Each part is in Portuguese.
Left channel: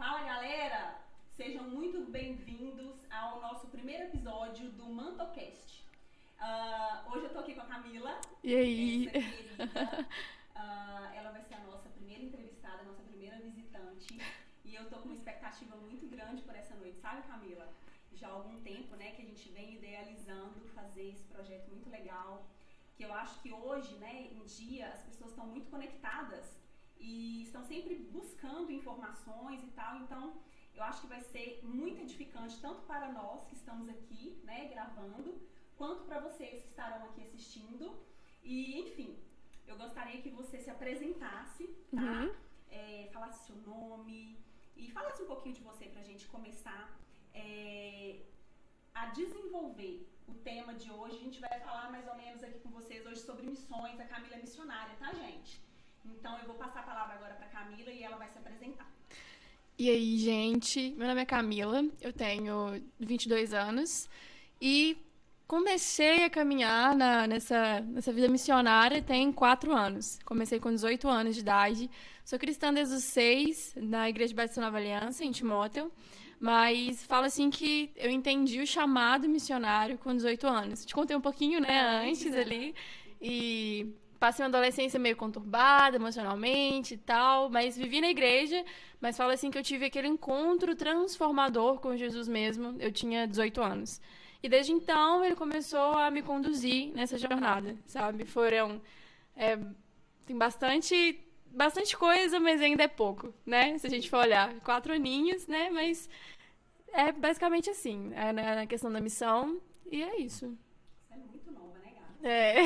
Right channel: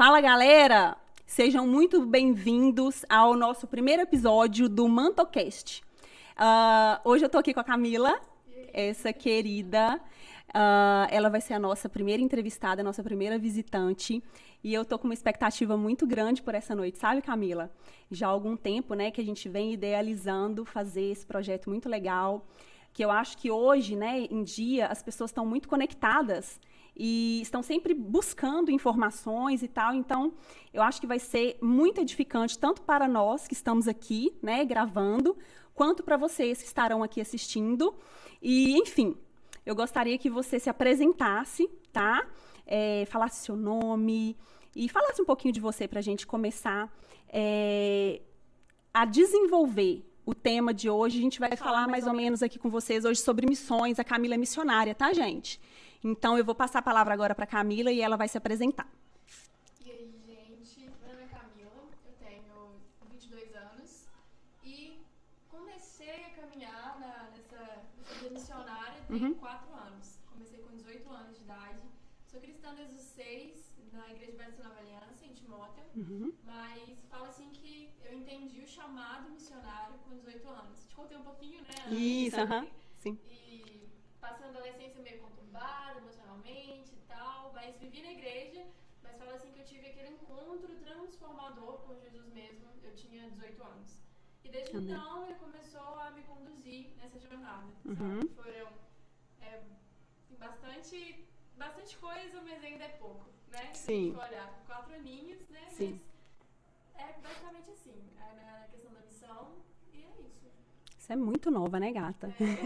Fala, galera! Sejam muito bem-vindos ao nosso primeiro episódio do Mantocast. Hoje eu tô aqui com a Camila, E aí? essa querida. Ela vai ser a nossa primeira entrevistada, a nossa primeira visitante. E eu tô com uma expectativa muito grande por essa noite, sabe, Camila? Já há algum tempo, né, que a gente vem idealizando fazer esse projeto muito legal, que eu acho que hoje, né, em dia, as pessoas estão muito conectadas e estão sempre buscando informações e tal. Então, eu acho que vai ser muito edificante, tanto para nós que estamos aqui, né, gravando, quanto para vocês que estarão aqui assistindo. E, enfim, eu gostaria que você se apresentasse, tá? Falasse seu nome e falasse um pouquinho de você para a gente começar a desenvolver o tema de hoje. A gente vai falar mais ou menos aqui com vocês hoje sobre missões. A Camila é missionária, tá, gente? Então, eu vou passar a palavra agora para a Camila e ela vai se apresentar. E aí, gente? Meu nome é Camila, eu tenho 22 anos e comecei a caminhar nessa vida missionária tem 4 anos. Comecei com 18 anos de idade. Sou cristã desde os 6, na Igreja Batista Nova Aliança, em Timóteo. Mas falo assim que eu entendi o chamado missionário com 18 anos. Te contei um pouquinho, né, antes ali. Sim. E passei uma adolescência meio conturbada emocionalmente e tal, mas vivi na igreja. Mas falo assim que eu tive aquele encontro transformador com Jesus mesmo. Eu tinha 18 anos. E desde então ele começou a me conduzir nessa jornada, sabe? Tem bastante coisa, mas ainda é pouco, né? Se a gente for olhar, 4 aninhos, né? Sim. Mas é basicamente assim, na questão da missão, e é isso. Você é muito nova, né, gata? É.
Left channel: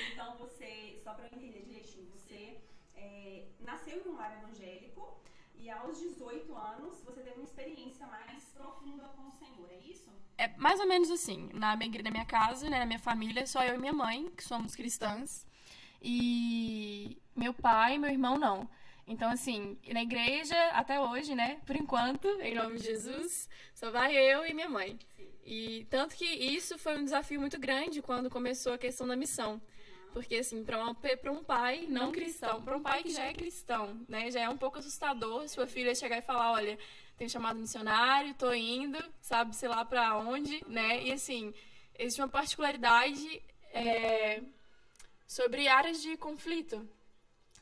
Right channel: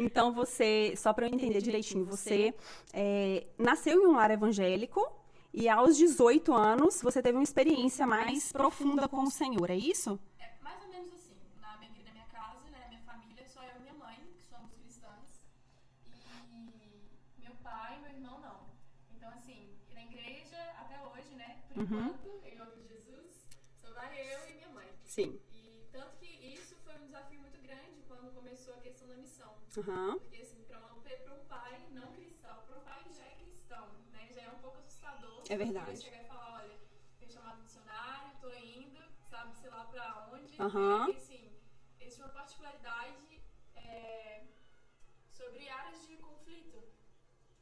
Então, você, só para eu entender direitinho, você nasceu em um lar evangélico e aos 18 anos você teve uma experiência mais profunda com o Senhor, é isso? É mais ou menos assim. Na minha casa, né, na minha família, só eu e minha mãe, que somos cristãs. E meu pai e meu irmão não. Então, assim, na igreja, até hoje, né, por enquanto, em nome de Jesus, só vai eu e minha mãe. Sim. E tanto que isso foi um desafio muito grande quando começou a questão da missão. Porque, assim, para um pai não cristão, para um pai que já é cristão, né, já é um pouco assustador sua filha chegar e falar, olha, tem chamado missionário, tô indo, sabe, sei lá pra onde, né? E, assim, existe uma particularidade sobre áreas de conflito,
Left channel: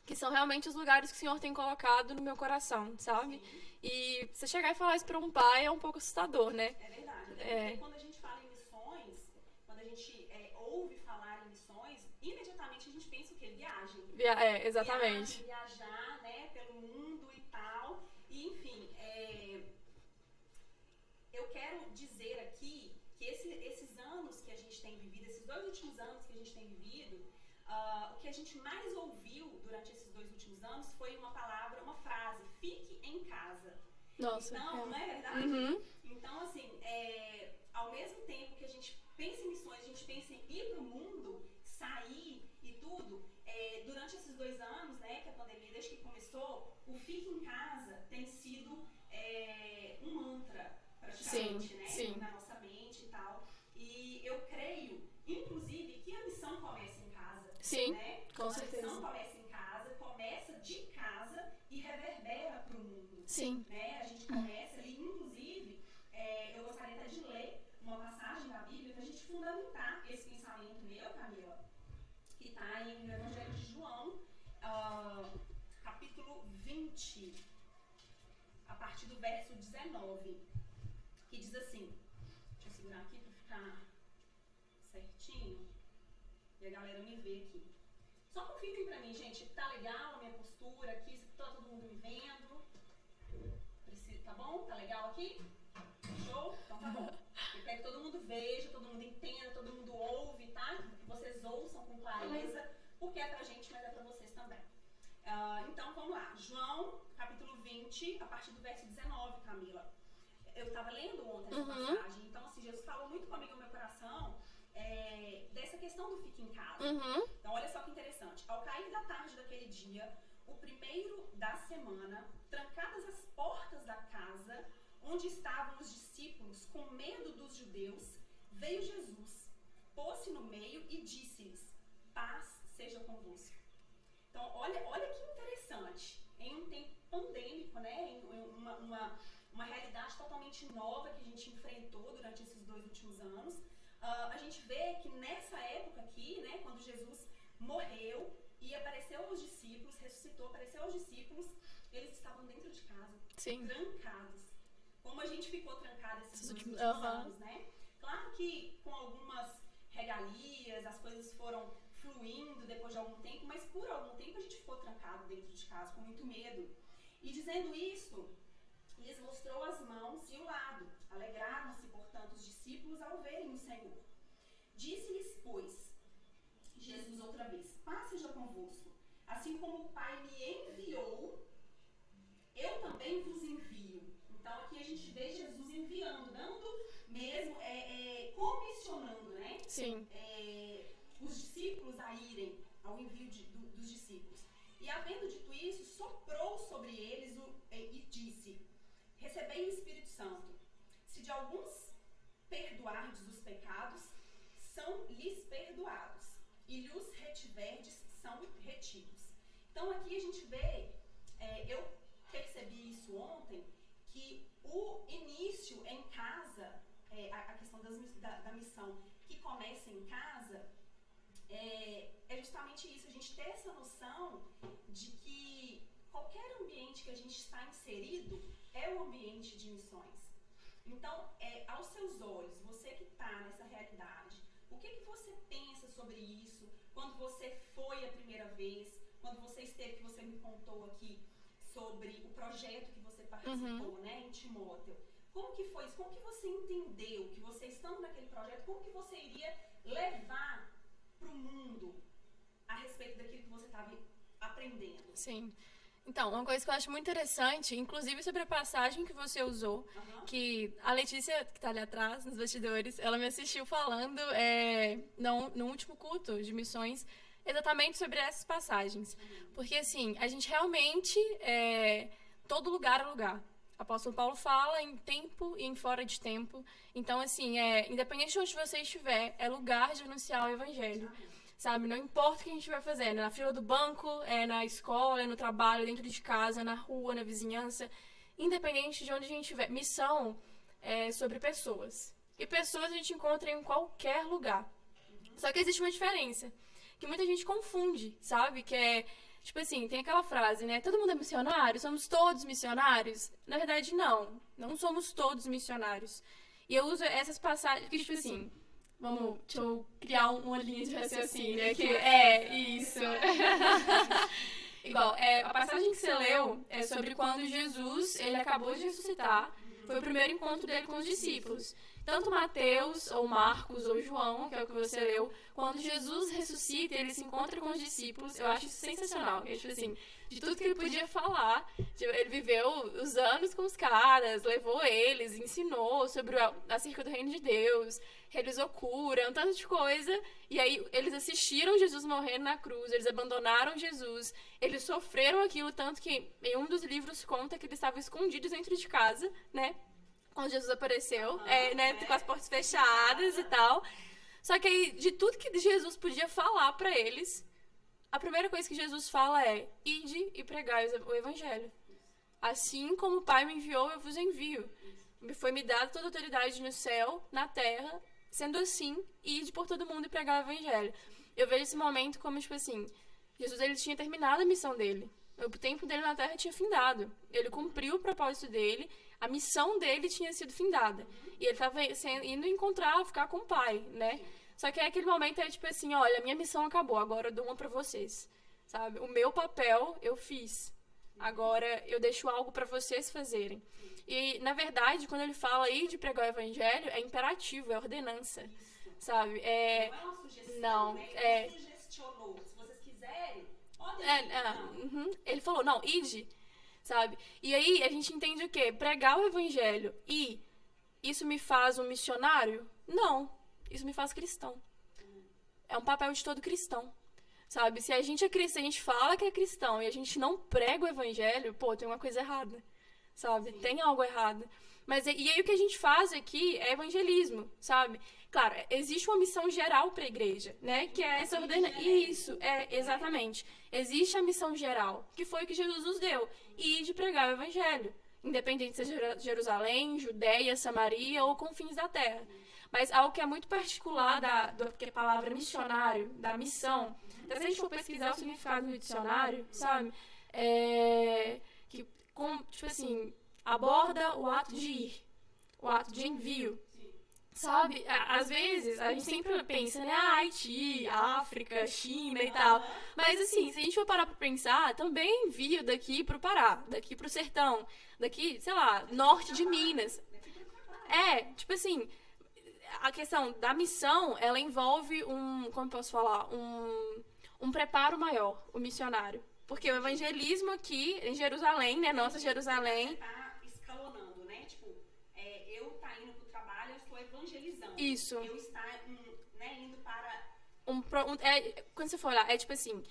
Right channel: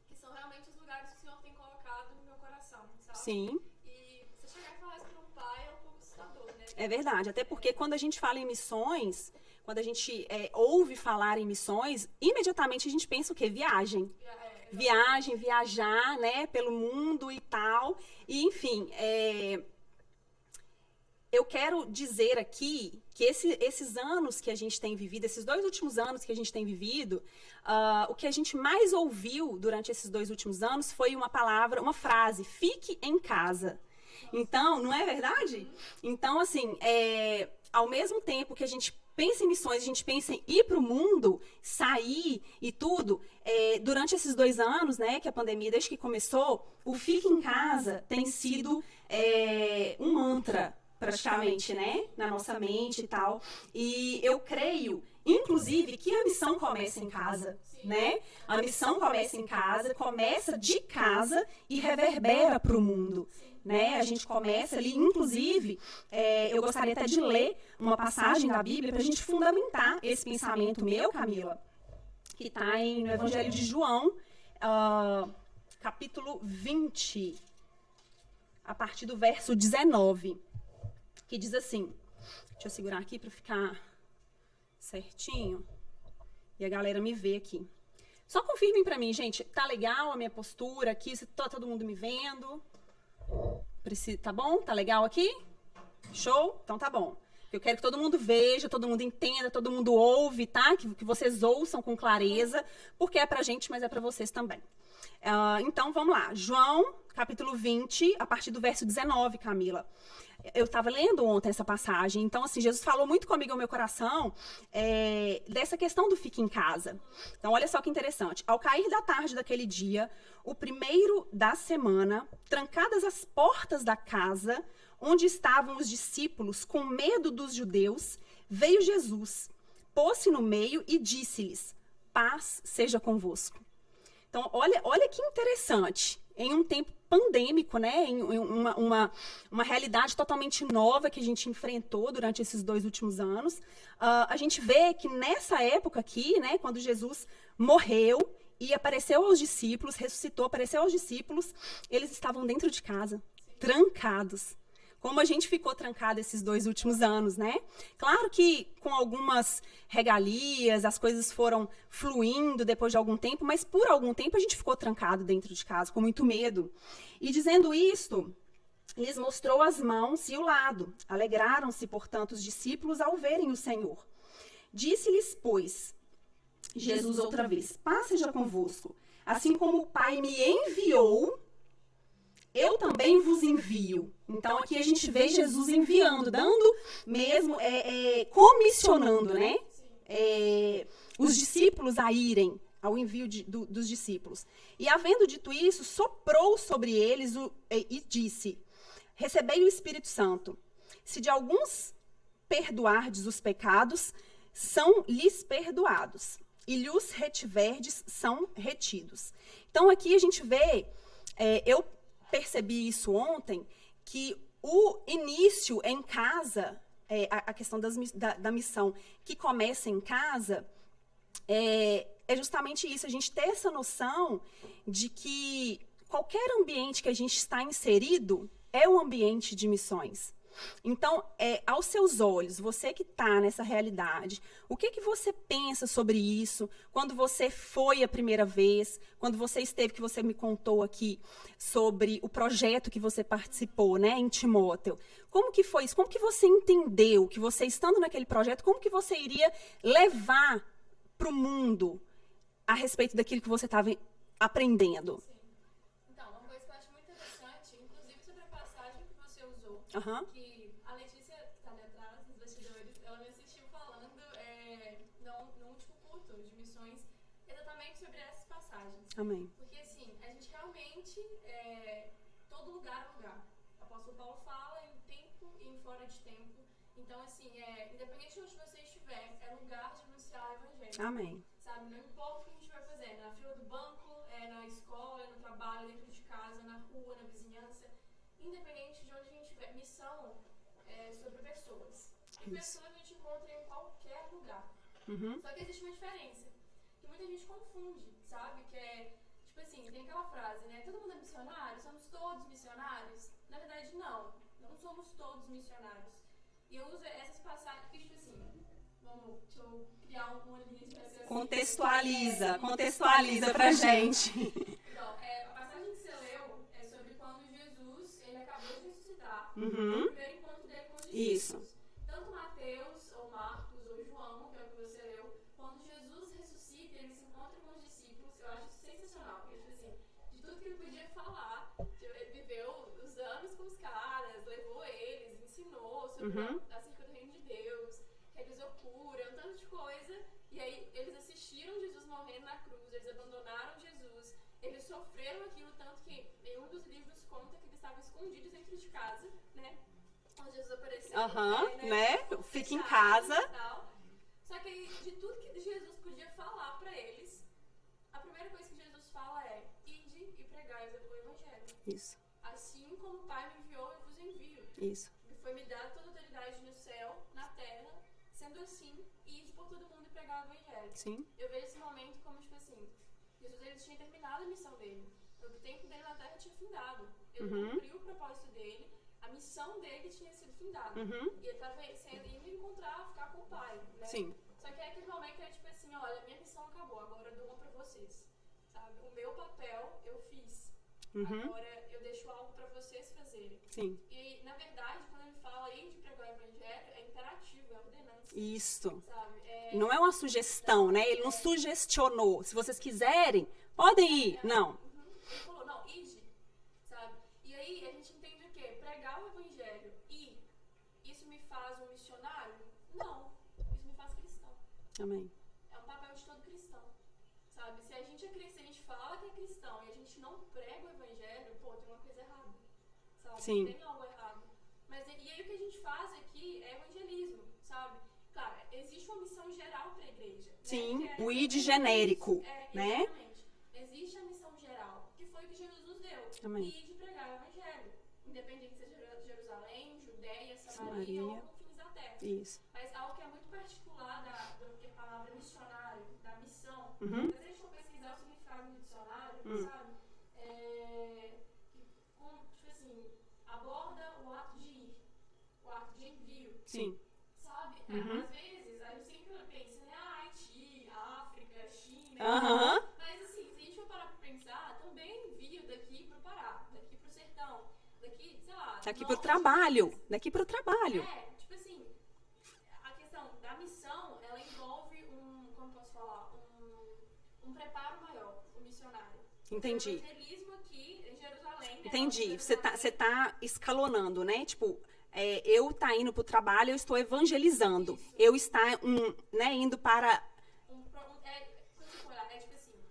que são realmente os lugares que o Senhor tem colocado no meu coração, sabe? Sim. E você chegar e falar isso pra um pai é um pouco assustador, né? É verdade, até porque quando a gente fala em missões, quando a gente ouve falar em missões, imediatamente a gente pensa o quê? Viagem. Exatamente. Viajar, né, pelo mundo e tal. E, enfim, eu quero dizer aqui que esses anos que a gente tem vivido, esses 2 últimos anos que a gente tem vivido, o que a gente mais ouviu durante esses 2 últimos anos foi uma frase, fique em casa. Nossa. Então, não é verdade? Então, assim, ao mesmo tempo que a gente pensa em missões, a gente pensa em ir para o mundo, sair e tudo, durante esses 2 anos, né, que a pandemia, desde que começou, o fique em casa tem sido um mantra, praticamente, né, na nossa mente e tal. E eu creio, inclusive, que a missão começa em casa, né? A missão começa em casa, começa de casa e reverbera para o mundo, né? A gente começa ali, inclusive, eu gostaria até de ler uma passagem da Bíblia para a gente fundamentar esse pensamento meu, Camila, que está no Evangelho de João, capítulo 20, a partir do verso 19, que diz assim, deixa eu segurar aqui para ficar certinho e a galera me vê aqui. Só confirmem pra mim, gente, tá legal a minha postura aqui? Se tá todo mundo me vendo? Tá bom? Tá legal aqui? Show? Então tá bom. Eu quero que todo mundo veja, todo mundo entenda, todo mundo ouve, tá? Que vocês ouçam com clareza, porque é pra gente, mas é pra vocês também. Então, vamos lá. João, capítulo 20, a partir do verso 19, Camila. Eu estava lendo ontem essa passagem, então, assim, Jesus falou muito comigo ao meu coração dessa questão do fique em casa. Então, olha só que interessante. Ao cair da tarde daquele dia, o primeiro da semana, trancadas as portas da casa onde estavam os discípulos, com medo dos judeus, veio Jesus, pôs-se no meio e disse-lhes, paz seja convosco. Então, olha que interessante. em um tempo pandêmico, né? Em uma realidade totalmente nova que a gente enfrentou durante esses 2 últimos anos. A gente vê que nessa época aqui, né, quando Jesus morreu e apareceu aos discípulos, ressuscitou, apareceu aos discípulos, eles estavam dentro de casa, Sim. trancados. Como a gente ficou trancado esses 2 últimos anos, né? Claro que com algumas regalias, as coisas foram fluindo depois de algum tempo, mas por algum tempo a gente ficou trancado dentro de casa, com muito medo. E dizendo isto, lhes mostrou as mãos e o lado. Alegraram-se, portanto, os discípulos ao verem o Senhor. Disse-lhes, pois, Jesus outra vez, paz seja convosco. Assim como o Pai me enviou, eu também vos envio. Então, aqui a gente vê Jesus enviando, dando mesmo, comissionando, né? Sim. Os discípulos a irem ao envio dos discípulos. E, havendo dito isso, soprou sobre eles e disse, recebei o Espírito Santo. Se de alguns perdoardes os pecados, são-lhes perdoados. E lhes retiverdes, são retidos. Então, aqui a gente vê, eu percebi isso ontem, que o início em casa, a questão da missão que começa em casa, é justamente isso, a gente ter essa noção de que qualquer ambiente que a gente está inserido é um ambiente de missões. Então, aos seus olhos, você que está nessa realidade, o que você pensa sobre isso? Quando você foi a primeira vez, quando você esteve, que você me contou aqui sobre o projeto que você participou, né, em Timóteo. Como que foi isso? Como que você entendeu que você, estando naquele projeto, como que você iria levar para o mundo a respeito daquilo que você estava aprendendo? Sim. Então, uma coisa que eu acho muito interessante, inclusive sobre a passagem que você usou, que a Letícia, que está ali atrás, nos bastidores, ela me assistiu falando no último culto de missões, exatamente sobre essas passagens. Amém. Porque, assim, a gente realmente, todo lugar é lugar. O apóstolo Paulo fala em tempo e em fora de tempo. Então, assim, independente de onde você estiver, é lugar de anunciar o evangelho. Amém. Sabe, não importa o que a gente vai fazer, na fila do banco, na escola, no trabalho, dentro de casa, na rua, na vizinhança, independente de onde a gente estiver. Missão é sobre pessoas. E pessoas a gente encontra em qualquer lugar. Só que existe uma diferença, que muita gente confunde, sabe? Que é, tipo assim, tem aquela frase, né? Todo mundo é missionário? Somos todos missionários? Na verdade, não somos todos missionários. E eu uso essas passagens, que tipo assim, deixa eu criar uma linha de raciocínio. Contextualiza pra gente. Igual, a passagem que você leu é sobre quando Jesus, ele acabou de ressuscitar, foi o primeiro encontro dele com os discípulos. Isso. Tanto Mateus, ou Marcos, ou João, que é o que você leu, quando Jesus ressuscita e ele se encontra com os discípulos, eu acho isso sensacional. É, tipo assim, de tudo que ele podia falar, ele viveu os anos com os caras, levou eles, ensinou sobre acerca do reino de Deus, realizou cura, um tanto de coisa, e aí eles assistiram Jesus morrendo na cruz, eles abandonaram Jesus, eles sofreram aquilo, tanto que em um dos livros conta que eles estavam escondidos dentro de casa, né? Quando Jesus apareceu, né? Com as portas fechadas e tal. Só que aí, de tudo que Jesus podia falar pra eles, a primeira coisa que Jesus fala é: ide e pregai o evangelho. Isso. Assim como o Pai me enviou, eu vos envio. Isso. Foi-me dada toda a autoridade no céu, na terra. Sendo assim, ide por todo mundo e pregar o evangelho. Sim. Eu vejo esse momento como, tipo assim, Jesus, ele tinha terminado a missão dele. O tempo dele na terra tinha findado. Ele cumpriu o propósito dele. A missão dele tinha sido findada. E ele estava indo encontrar, ficar com o Pai, né? Sim. Só que aquele momento é tipo assim, olha, minha missão acabou, agora eu dou uma pra vocês, sabe? O meu papel eu fiz. Agora eu deixo algo pra vocês fazerem. Sim. E, na verdade, quando ele fala aí de pregar o evangelho, é imperativo, é ordenança. Isso. Sabe? Não é uma sugestão, né? Ele não sugestionou. Se vocês quiserem, podem ir. Não. Ele falou, não, ide. Sabe? E aí a gente entende o quê? Pregar o evangelho e isso me faz um missionário? Não. Isso me faz cristão. Amém. É um papel de todo cristão. Sabe? Se a gente é cristão, a gente fala que é cristão e a gente não prega o evangelho, pô, tem uma coisa errada. Sabe? Sim. Tem algo errado. Mas e aí o que a gente faz aqui é evangelismo, sabe? claro, existe uma missão geral para a igreja, né? Sim, Que é essa o ID ordena- genérico, Isso, exatamente. Existe a missão geral, que foi o que Jesus nos deu. Amém. E de pregar o evangelho. Independente de ser Jerusalém, Judeia, Samaria ou confins da terra. Isso. Mas algo que é muito particular da palavra missionário, da missão. Então, se a gente for pesquisar o significado do dicionário, sabe? Tipo assim, aborda o ato de ir, o ato de envio. Sim. Sabe? Às vezes, a gente sempre pensa, né? Haiti, África, China e Aham. tal. Mas, assim, se a gente for parar pra pensar, também envio daqui pro Pará, daqui pro sertão, daqui, sei lá, Daqui norte pro de trabalho. Minas. Daqui pro trabalho. Tipo assim, a questão da missão, ela envolve como eu posso falar? Um preparo maior, o missionário. Porque Entendi. o evangelismo aqui em Jerusalém, né? Nossa Entendi. Jerusalém. Você tá escalonando, né? Tipo, eu tá indo pro trabalho, eu estou evangelizando. Isso. Eu estar, né, indo para... Quando você for olhar, é tipo assim,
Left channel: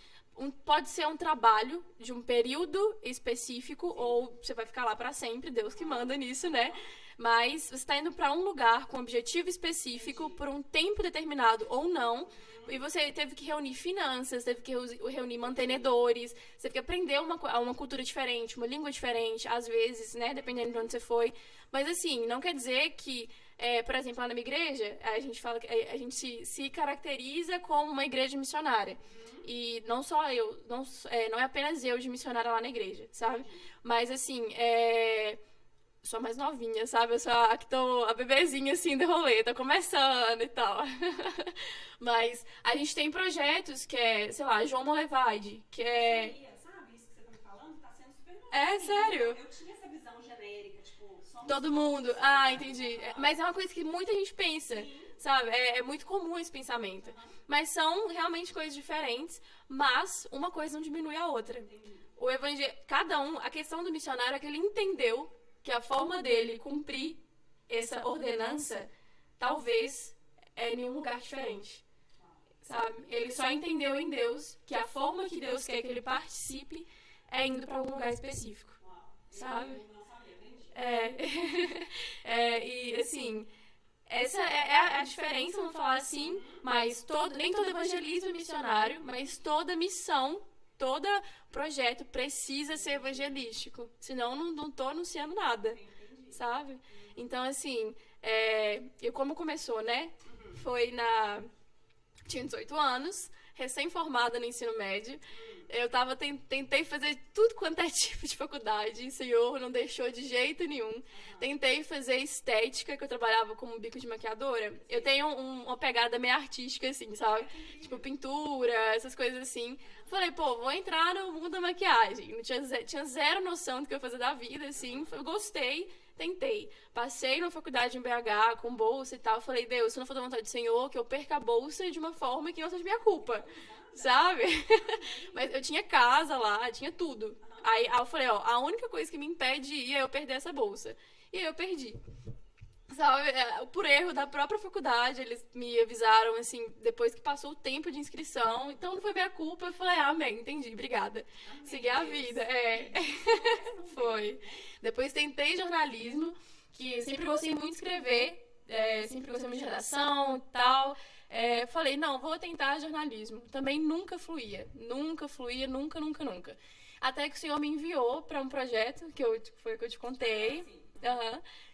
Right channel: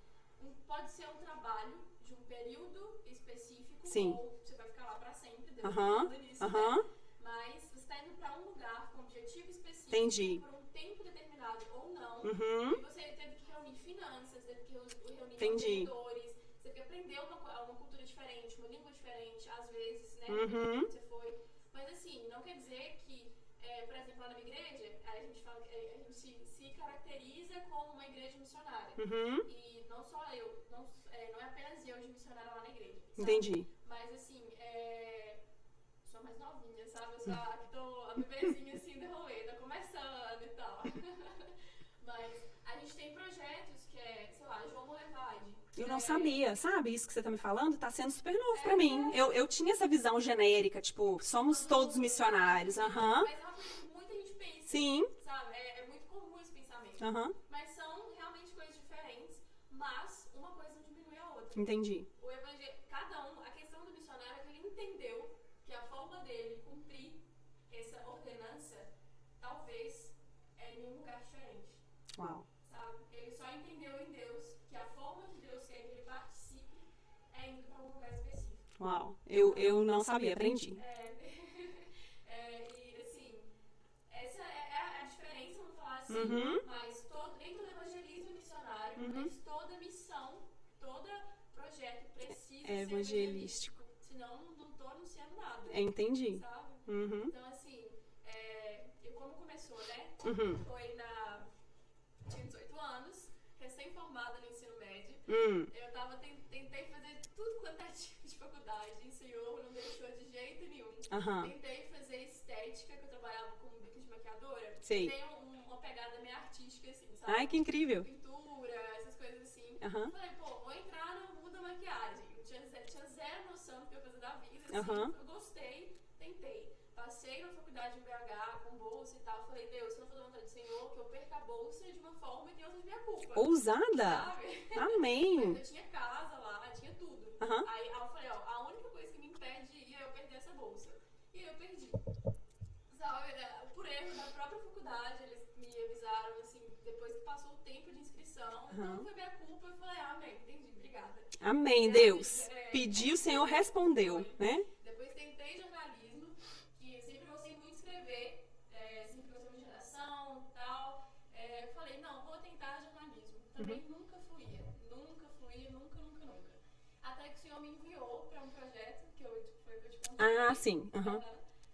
pode ser um trabalho de um período específico, Sim. ou você vai ficar lá pra sempre, Deus te Aham, manda nisso, aham. né? Mas você está indo pra um lugar com um objetivo específico, Entendi. por um tempo determinado ou não, e você teve que reunir finanças, teve que reunir mantenedores, você teve que aprender uma cultura diferente, uma língua diferente, às vezes, né? Dependendo de onde você foi. Mas assim, não quer dizer que, por exemplo, lá na minha igreja, a gente fala que a gente se caracteriza como uma igreja missionária. E não só eu, não é apenas eu de missionária lá na igreja, sabe? Entendi. Mas assim, sou a mais novinha, sabe? Eu sou a que tô a bebezinha, assim, do rolê, tô começando e tal. Mas a gente tem projetos que é, sei lá, João Molevade, que Eu não sabia, sabe? Isso que você tá me falando tá sendo super novo É, pra mim. sério? Eu tinha essa visão genérica, tipo, somos todo todos mundo. missionários. Entendi. Aham. Mas é uma coisa que muita gente pensa, Sim. sabe? É muito comum esse pensamento. Aham. Mas são realmente coisas diferentes, mas uma coisa não diminui a outra. Entendi. O evangelho, a questão do missionário é que ele entendeu que a forma dele cumprir essa ordenança talvez é em um lugar diferente, Uau. sabe? Ele só entendeu em Deus que a forma que Deus quer que ele participe é indo para algum lugar específico. Uau. Sabe? Eu não sabia, aprendi. E assim, essa é a diferença, vamos falar assim, mas nem todo evangelismo é missionário, mas toda missão, todo projeto precisa ser evangelístico. Senão não tô anunciando nada, Entendi. sabe? Então, assim, como começou, né? Foi tinha 18 anos, recém-formada no ensino médio. Eu tentei fazer tudo quanto é tipo de faculdade. O Senhor não deixou de jeito nenhum. Tentei fazer estética, que eu trabalhava como bico de maquiadora. Sei. Eu tenho uma pegada meio artística, assim, sabe? Ai, que incrível. Tipo, pintura, essas coisas assim. Falei, pô, vou entrar no mundo da maquiagem. Não tinha zero noção do que eu ia fazer da vida, assim. Eu gostei, tentei. Passei numa faculdade em BH com bolsa e tal. Falei, Deus, se não for da vontade do Senhor, que eu perca a bolsa de uma forma que não seja minha culpa. Ousada. Sabe? Amém. Mas eu tinha casa lá, tinha tudo. Aí eu falei, a única coisa que me impede de ir é eu perder essa bolsa. E aí eu perdi. Sabe? Por erro da própria faculdade, eles me avisaram, assim, depois que passou o tempo de inscrição. Então não foi minha culpa. Eu falei, amém, entendi, obrigada. Amém, Segui a Deus. vida, Pedi, o Senhor respondeu. Foi. Né? Depois tentei jornalismo, que sempre gostei muito de escrever, sempre gostei muito de redação e tal. Falei, não, vou tentar jornalismo. Também nunca fluía, nunca. Até que o Senhor me enviou para um projeto, foi o que eu te contei. Ah, sim.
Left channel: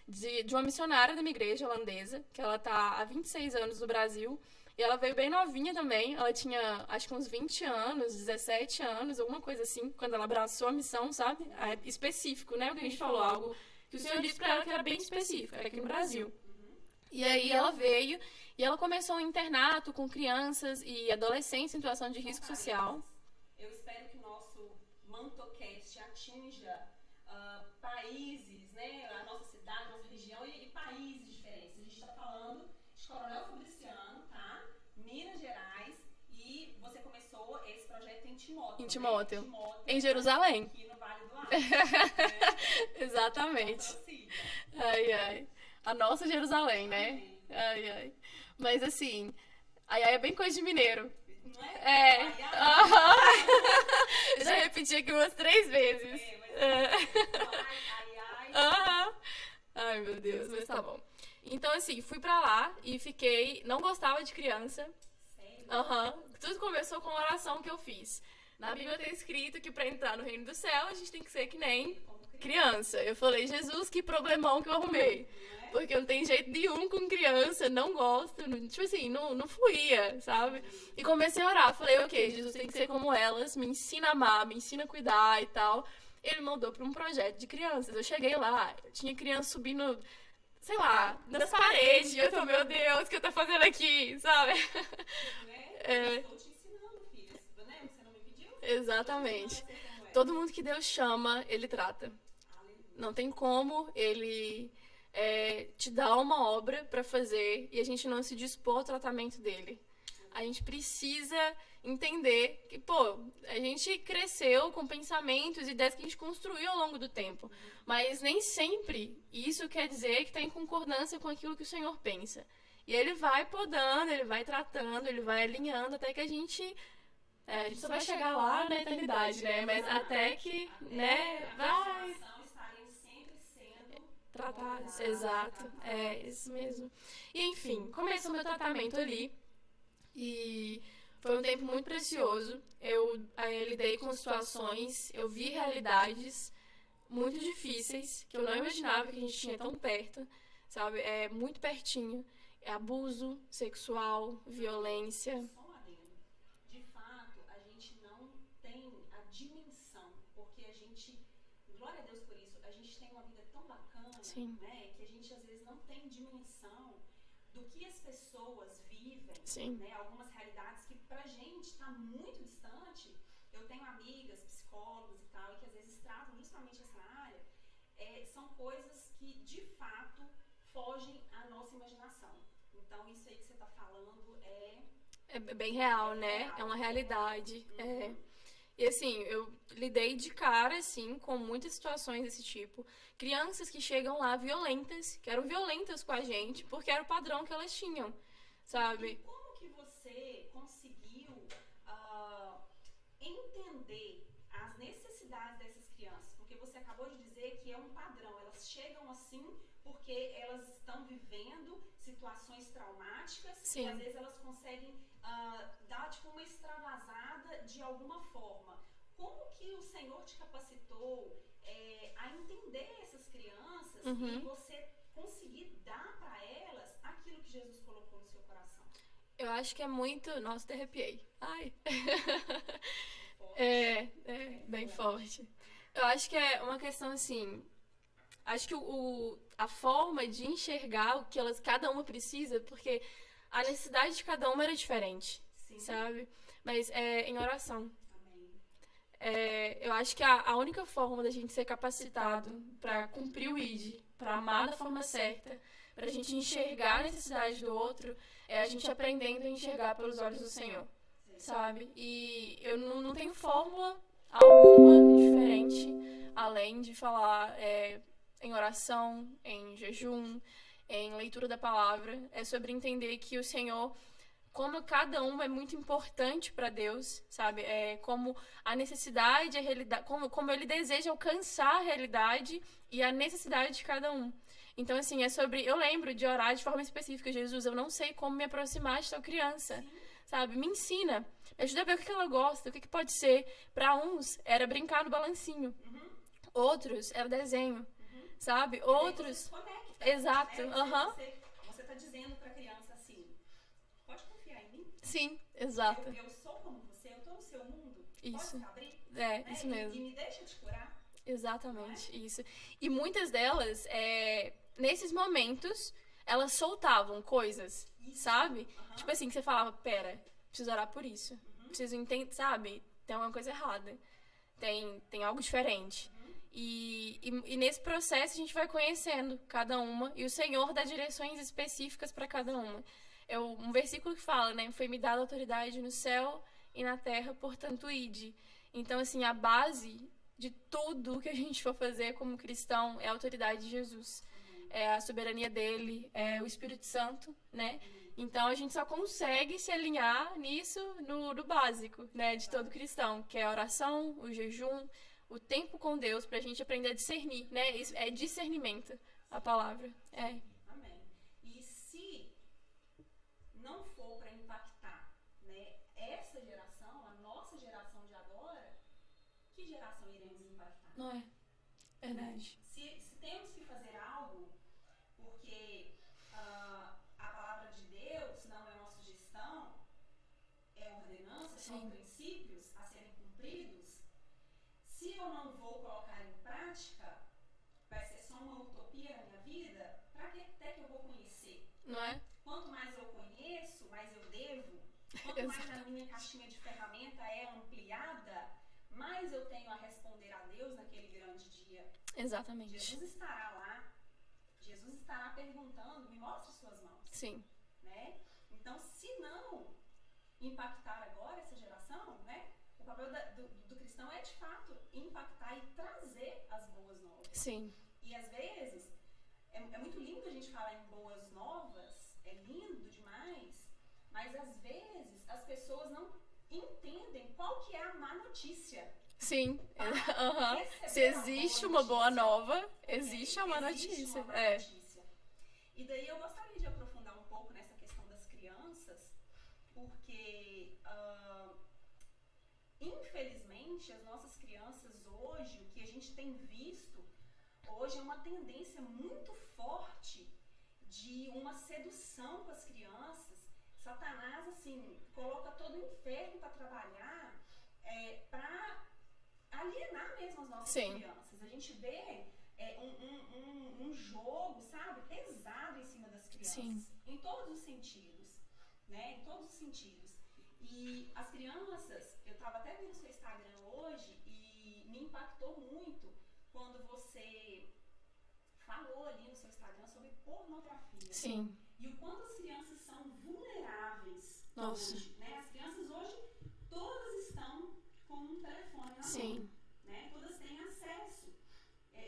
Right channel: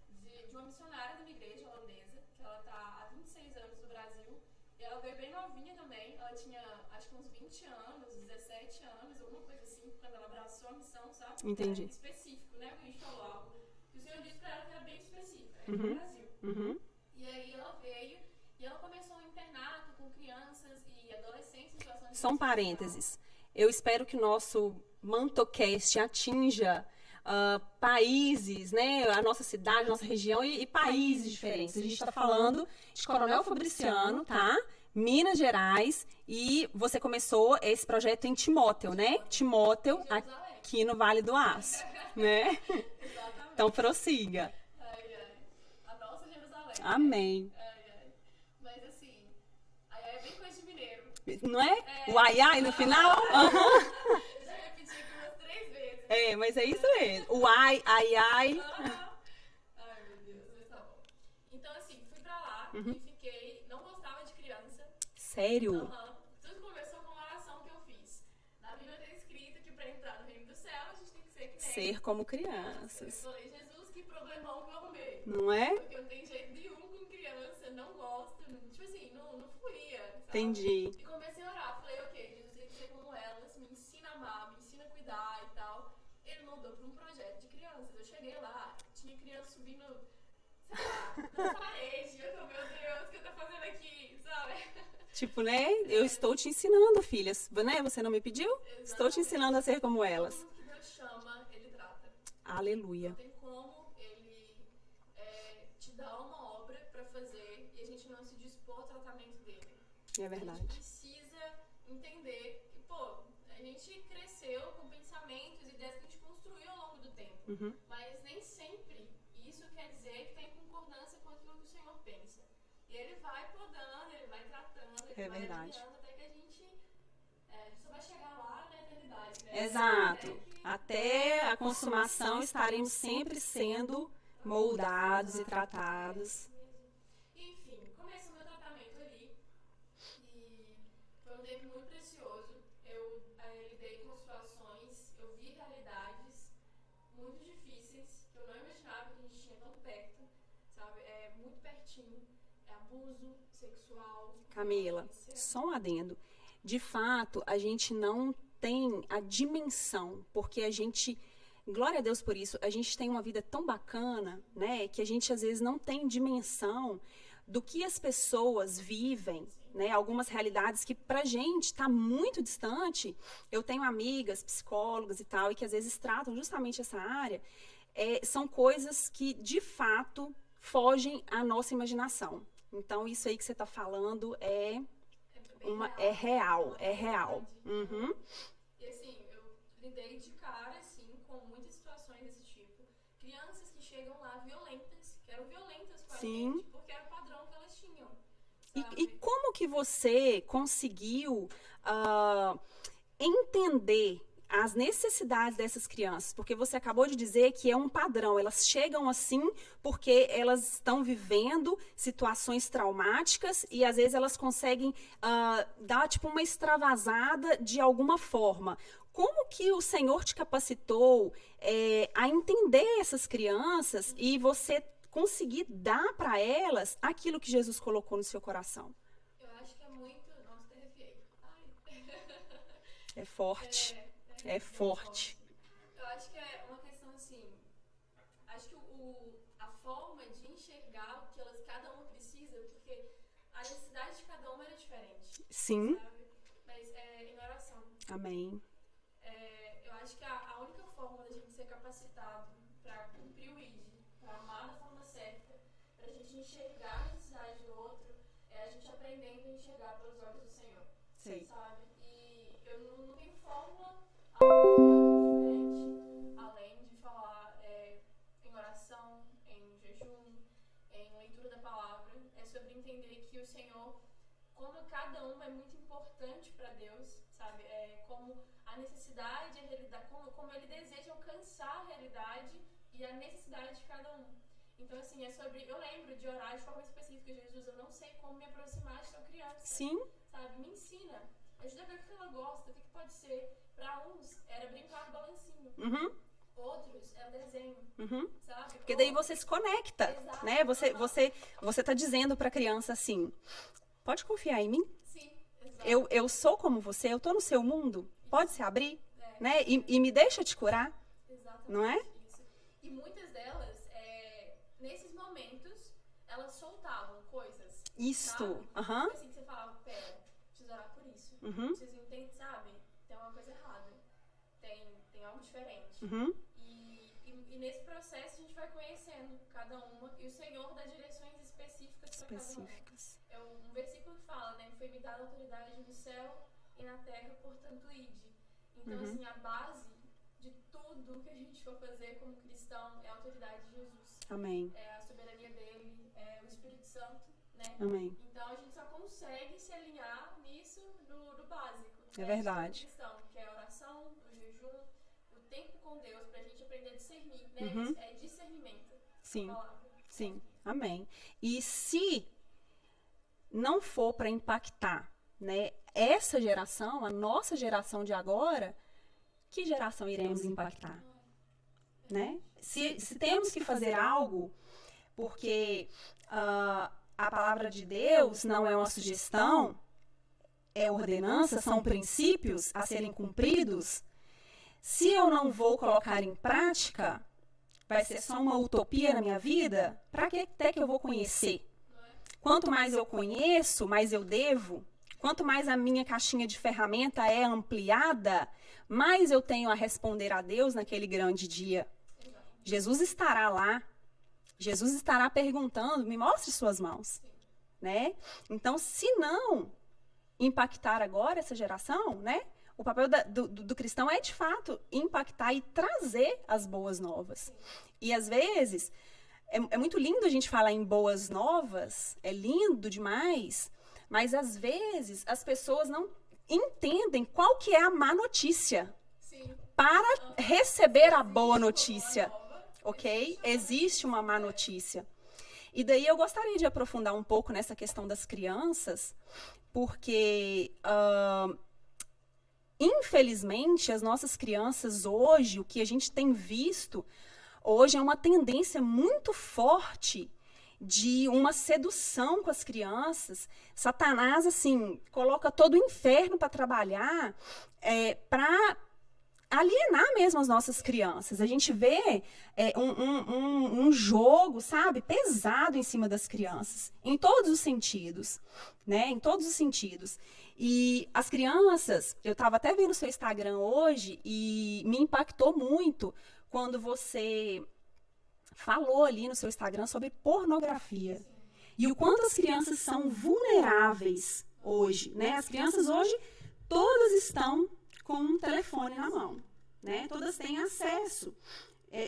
De uma missionária da minha igreja holandesa, que ela tá há 26 anos no Brasil. E ela veio bem novinha também. Ela tinha, acho que uns 20 anos, 17 anos, alguma coisa assim, quando ela abraçou a missão, sabe? Entendi. Específico, né? O que a gente falou, algo que o Senhor disse pra ela que era bem específico, era aqui no Brasil. E aí ela veio e ela começou um internato com crianças e adolescentes em situação de risco social. Parênteses. Eu espero que o nosso MantoCast atinja países, né? A nossa cidade, a nossa região e países diferentes. A gente está falando de Coronel Fabriciano, tá? Minas Gerais. E você começou esse projeto em Timóteo, né? Timóteo. Em Jerusalém. Aqui no Vale do Aço, né? Exatamente. Então prossiga. Ai. A nossa Jerusalém, né? Amém. Ai. Mas assim, ai é bem coisa de mineiro. Não é? O ai no final? Eu já repeti aqui umas 3 vezes. Mas é isso mesmo. O ai. Ai, meu Deus, mas tá bom. Então, assim, fui pra lá e fiquei... Não gostava de criança. Sério? Aham. Tudo começou com uma oração que eu fiz. Na Bíblia tem escrito que pra entrar no reino do céu, a gente tem que ser que nem Ser como criança. Eu falei, Jesus, que problemão que eu arrumei. Não é? Porque não tem jeito nenhum com criança, não gosto. Tipo assim, não fluía, sabe? Entendi. E comecei a orar. Falei, ok, Jesus tem que ser como elas, me ensina a amar, me ensina a cuidar e tal. Ele mandou pra um projeto de crianças. Eu cheguei lá, tinha criança subindo, sei lá, nas paredes. Eu falei, meu Deus, o que eu tô fazendo aqui, sabe? Tipo, né? Eu estou te ensinando, filhas. Né? Você não me pediu? Exatamente. Estou te ensinando a ser como elas. Todo mundo que Deus chama, Ele trata. Aleluia. Não tem como Ele te dar uma obra pra fazer e a gente não se dispor ao tratamento dele. É A verdade. gente precisa entender que, pô, a gente cresceu com pensamentos e ideias que a gente construiu ao longo do tempo. Mas nem sempre isso quer dizer que tá em concordância com aquilo que o Senhor pensa. E ele vai podando, ele vai tratando, ele vai verdade. alinhando até que a gente só vai chegar lá na eternidade, né? Mas Exato. até a vai consumação estaremos sempre sendo tratadas, moldados exato. e tratados. É isso mesmo. E enfim, começou meu tratamento ali. E foi um tempo muito precioso. Eu lidei com situações, eu vi realidades muito difíceis que eu não imaginava que a gente tinha tão perto, sabe? É muito pertinho. É abuso sexual, Camila, violência. só um adendo. De fato, a gente não tem a dimensão, porque a gente, glória a Deus por isso, a gente tem uma vida tão bacana, Sim. né, que a gente às vezes não tem dimensão do que as pessoas vivem, Sim. né, algumas realidades que pra gente está muito distante. Eu tenho amigas, psicólogas e tal, e que às vezes tratam justamente essa área, são coisas que de fato fogem à nossa imaginação. Então, isso aí que você está falando é bem real, é né? real, É uma realidade. é real. Uhum. E assim, eu lidei de cara, assim, com muitas situações desse tipo. Crianças que chegam lá violentas, que eram violentas com a Sim. gente, porque era o padrão que elas tinham, E sabe? como que você conseguiu entender as necessidades dessas crianças? Porque você acabou de dizer que é um padrão. Elas chegam assim porque elas estão vivendo situações traumáticas e às vezes elas conseguem dar tipo uma extravasada de alguma forma. Como que o Senhor te capacitou a entender essas crianças e você conseguir dar para elas aquilo que Jesus colocou no seu coração? Eu acho que é muito... Nossa, até arrepiei. Ai. É forte. É bem forte. Eu acho que é uma questão assim... Acho que a forma de enxergar o que cada uma precisa, porque a necessidade de cada uma era diferente. Sim. Sabe? Mas em oração. Amém. Eu acho que a única forma da gente ser capacitado para cumprir o ID, para amar da forma certa, para a gente enxergar a necessidade do outro, é a gente aprendendo a enxergar pelos olhos do Senhor. Sim. Sabe? E eu não tenho fórmula alguma diferente, além de falar em oração, em jejum, em leitura da palavra. É sobre entender que o Senhor, como cada uma é muito importante para Deus, sabe? Como a necessidade, a realidade, como Ele deseja alcançar a realidade e a necessidade de cada um. Então, assim, eu lembro de orar de forma específica, Jesus, eu não sei como me aproximar de tal criança. Sim. Sabe? Me ensina. Me ajuda a ver o que ela gosta, o que pode ser. Para uns, era brincar no balancinho. Uhum. Outros, era desenho. Sabe? E daí você se conecta. Exato. Né? Você tá dizendo pra criança assim, pode confiar em mim? Sim, exato. Eu sou como você, eu tô no seu mundo. Isso. Pode se abrir, né? Isso mesmo. E me deixa te curar. Exatamente, não é? Isso. E muitas delas, nesses momentos, elas soltavam coisas, Isso. sabe? Uhum. Tipo assim, que você falava, pera, preciso orar por isso. Preciso entender, sabe? Tem alguma coisa errada. Tem algo diferente. E nesse processo a gente vai conhecendo cada uma e o Senhor dá direções específicas para cada uma. Um versículo que fala, né? Foi me dada autoridade no céu e na terra, portanto, ide. Então, assim, a base de tudo que a gente for fazer como cristão é a autoridade de Jesus. Amém. É a soberania dele, é o Espírito Santo, né? Amém. Então a gente só consegue se alinhar nisso no básico, né? De todo cristão, que é a oração, o jejum, o tempo com Deus, pra gente aprender a discernir, né? Isso é discernimento, a palavra. Sim. Amém. E se não for para impactar, né, essa geração, a nossa geração de agora, que geração iremos impactar? Não é? Né? Se temos que fazer algo, porque a palavra de Deus não é uma sugestão, é ordenança, são princípios a serem cumpridos, se eu não vou colocar em prática, vai ser só uma utopia na minha vida? Para que até que eu vou conhecer? Não é? Quanto mais eu conheço, mais eu devo. Quanto mais a minha caixinha de ferramenta é ampliada, mais eu tenho a responder a Deus naquele grande dia. Exatamente. Jesus estará lá. Jesus estará perguntando, me mostre suas mãos. Sim. Né? Então, se não impactar agora essa geração, né? O papel do cristão é, de fato, impactar e trazer as boas novas. Sim. E, às vezes, é muito lindo a gente falar em boas novas, é lindo demais, mas, às vezes, as pessoas não entendem qual que é a má notícia. Sim. Para receber a boa Uma notícia. boa nova, Ok? existe uma má notícia. E daí eu gostaria de aprofundar um pouco nessa questão das crianças, porque, infelizmente, as nossas crianças hoje, o que a gente tem visto hoje é uma tendência muito forte de uma sedução com as crianças. Satanás, assim, coloca todo o inferno para trabalhar, para alienar mesmo as nossas crianças. A gente vê um jogo, sabe, pesado em cima das crianças, em todos os sentidos, né? Em todos os sentidos. E as crianças, eu estava até vendo o seu Instagram hoje e me impactou muito quando você falou ali no seu Instagram sobre pornografia. Sim. E o quanto as crianças são vulneráveis hoje, né? As crianças hoje, todas estão com um telefone na mão, né? Todas têm acesso.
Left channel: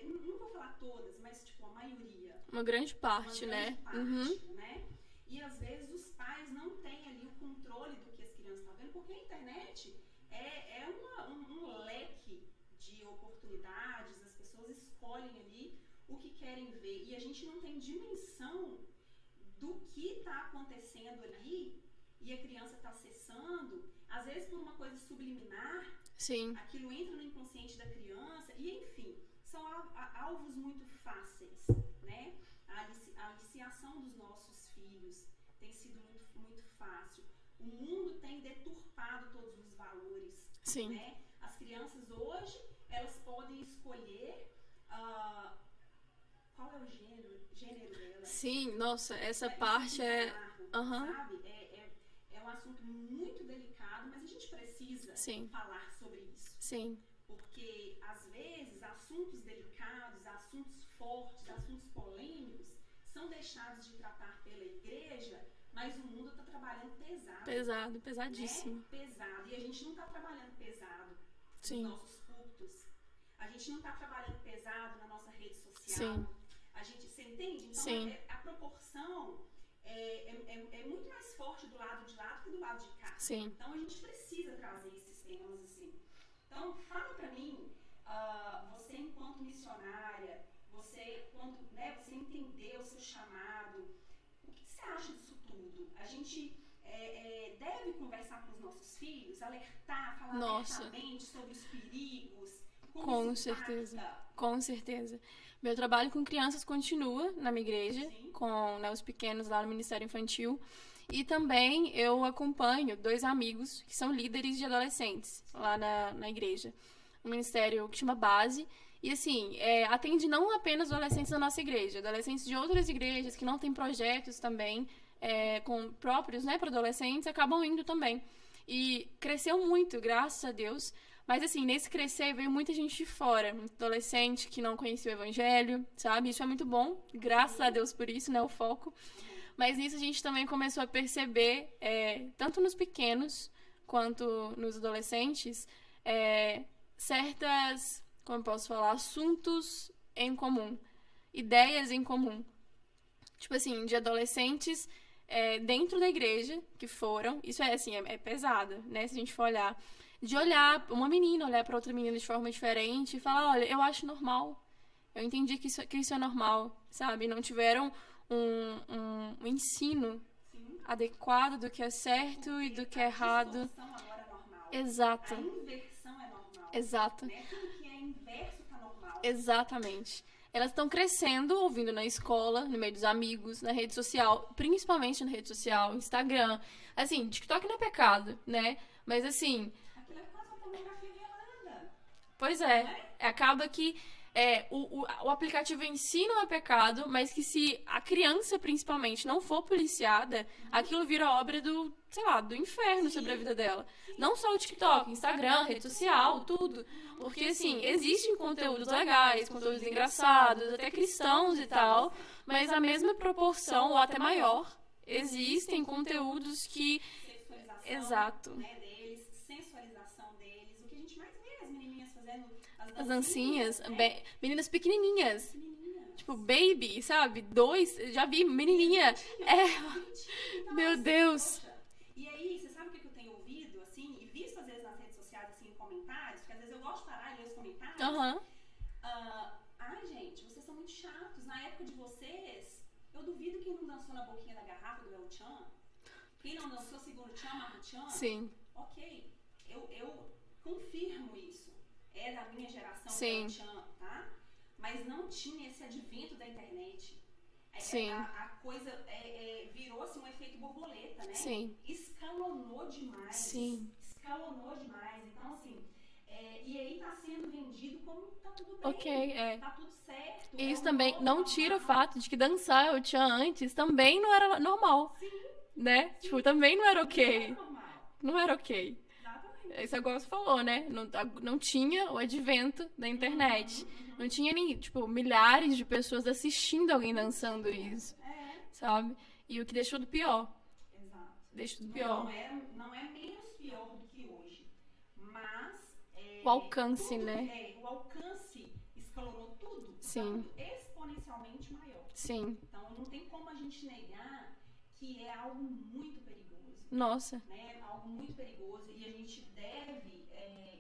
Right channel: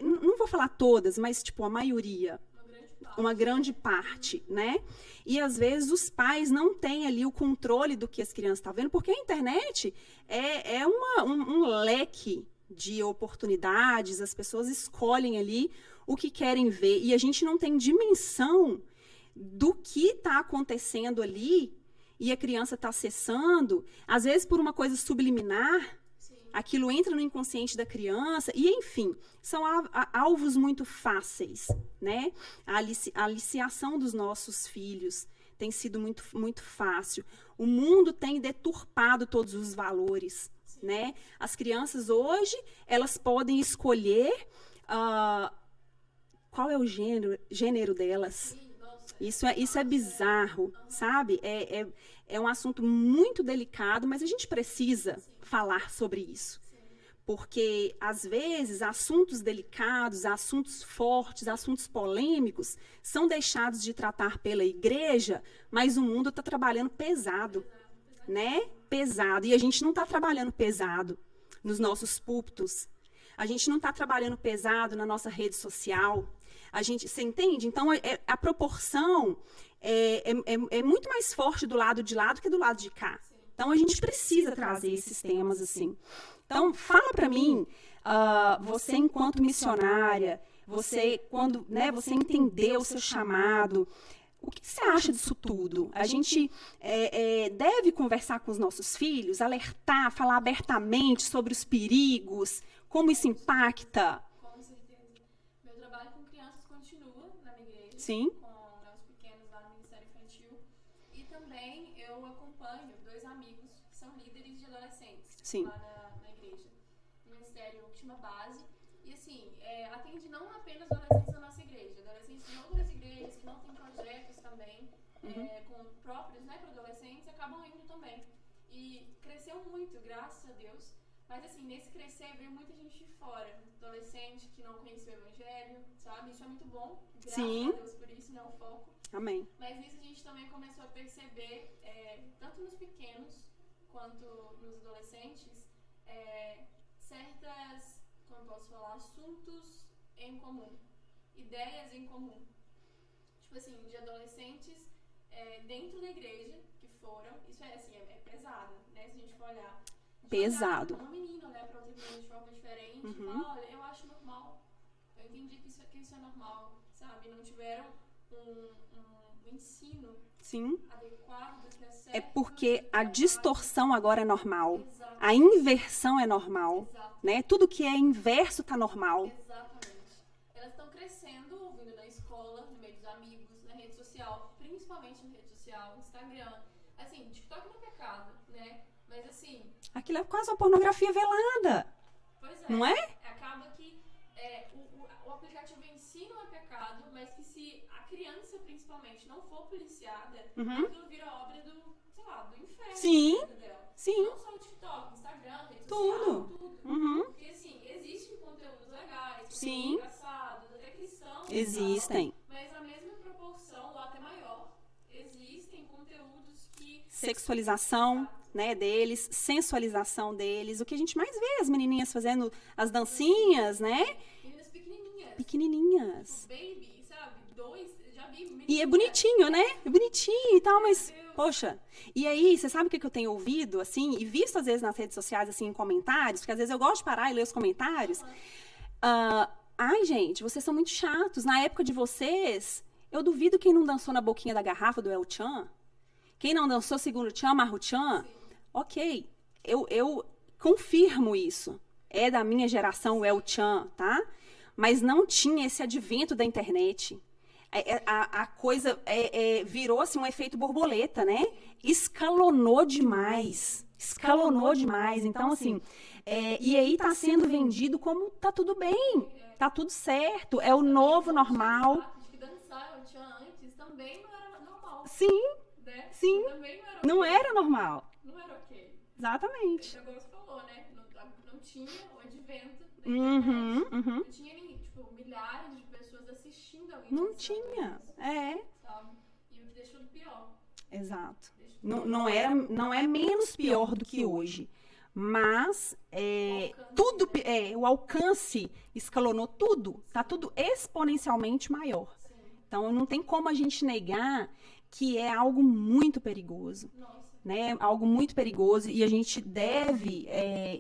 Não vou falar todas, mas, tipo, a maioria. Uma grande parte, Uma grande parte, né? E, às vezes, os pais não têm ali o controle do que as crianças estão vendo, porque a internet é um leque de oportunidades, as pessoas escolhem ali o que querem ver, e a gente não tem dimensão do que está acontecendo ali, e a criança está acessando, às vezes por uma coisa subliminar, aquilo entra no inconsciente da criança, e enfim, são alvos muito fáceis, né? A aliciação dos nossos filhos tem sido muito, muito fácil. O mundo tem deturpado todos os valores, né? As crianças hoje, elas podem escolher qual é o gênero delas. Sim, nossa. Isso é bizarro, sabe? É um assunto muito delicado, mas a gente precisa falar sobre isso. Sim. Porque, às vezes, assuntos delicados, assuntos fortes, assuntos polêmicos são deixados de tratar pela igreja, mas o mundo está trabalhando pesado. Pesadíssimo. Né? Pesado. E a gente não está trabalhando pesado nos nossos púlpitos. A gente não está trabalhando pesado na nossa rede social. Você entende? Então, a proporção é muito mais forte do lado de lá do que do lado de cá. Então, a gente precisa trazer esses temas assim. Então, fala para mim, você enquanto missionária, quando você entendeu o seu chamado, o que você acha disso tudo? A gente deve conversar com os nossos filhos, alertar, falar abertamente sobre os perigos, como isso impacta? Com certeza. Meu trabalho com crianças continua na minha igreja, com os pequenos lá no Ministério Infantil. E também eu acompanho 2 amigos que são líderes de adolescentes lá na igreja. Um ministério que chama Base. E, assim, atende não apenas adolescentes da nossa igreja, adolescentes de outras igrejas que não têm projetos também, com próprios, né, para adolescentes, acabam indo também. E cresceu muito, graças a Deus. Mas, assim, nesse crescer veio muita gente de fora, muito adolescente que não conhecia o evangelho, sabe? Isso é muito bom, graças a Deus por isso, né, o foco. Amém. Mas nisso a gente também começou a perceber, tanto nos pequenos quanto nos adolescentes, certas, como eu posso falar, assuntos em comum, ideias em comum. Tipo assim, de adolescentes dentro da igreja que foram, isso é pesado, né, se a gente for olhar. De olhar uma menina, olhar para outra menina de forma diferente e falar, olha, eu acho normal. Eu entendi que isso é normal, sabe? Não tiveram um ensino Sim. adequado do que é certo É porque e do que a é errado. distorção agora é normal. Exato. A inversão é normal. Exato. Né? Tudo que é inverso tá normal. Exatamente. Elas estão crescendo, ouvindo na escola, no meio dos amigos, na rede social, principalmente na rede social, Instagram. Assim, TikTok não é pecado, né? Mas assim, Aquilo é quase uma pornografia velada. pois é. Não é? Acaba que o aplicativo em si não é pecado, mas que se a criança, principalmente, não for policiada, aquilo vira obra do, sei lá, do inferno Sim. sobre a vida dela. Sim. Não só o TikTok, Instagram, rede social, tudo. Porque, assim, existem conteúdos legais, conteúdos Sim. engraçados, até cristãos e tal. Existem. Mas na mesma proporção, ou até maior, existem conteúdos que... Sexualização, Exato. né, deles, sensualização deles. O que a gente mais vê as menininhas fazendo as as dancinhas, né? Meninas pequenininhas. Pequenininhas. Tipo, baby, sabe? Já vi E é menininha. bonitinho, né? É bonitinho e tal, Meu mas, Deus. poxa. E aí, você sabe o que eu tenho ouvido, assim, e visto às vezes nas redes sociais, assim, em comentários, porque às vezes eu gosto de parar e ler os comentários. Aham. Ai, gente, vocês são muito chatos. Na época de vocês, eu duvido quem não dançou na boquinha da garrafa do El Chan. Quem não dançou segundo Chan, Marro Chan. Sim. Ok, eu confirmo isso. É da minha geração o Sim. El Chan, tá? Mas não tinha esse advento da internet. Sim. A coisa virou assim, um efeito borboleta, né? Sim. Escalonou demais. Sim. Escalonou demais. Então, assim, e aí tá sendo vendido como tá tudo bem. Ok, Tá tudo certo. E É o isso também novo não tira o normal. fato de que dançar eu tinha antes também não era normal, Sim, né? Sim. Tipo, também não era ok. não era normal. Não era ok. Exatamente. Isso é igual você falou, né? Não tinha o advento da internet. Uhum. Não tinha nem, tipo, milhares de pessoas assistindo alguém Não dançando tinha. isso, É, sabe? E o que deixou do pior. exato. Deixou do Não, pior. não é menos pior do que hoje. Mas O alcance, tudo, né? o alcance escalonou tudo. Está Sim. tudo exponencialmente maior. Sim. Então não tem como a gente negar que é algo muito perigoso. Nossa. Né? Algo muito perigoso e a gente deve,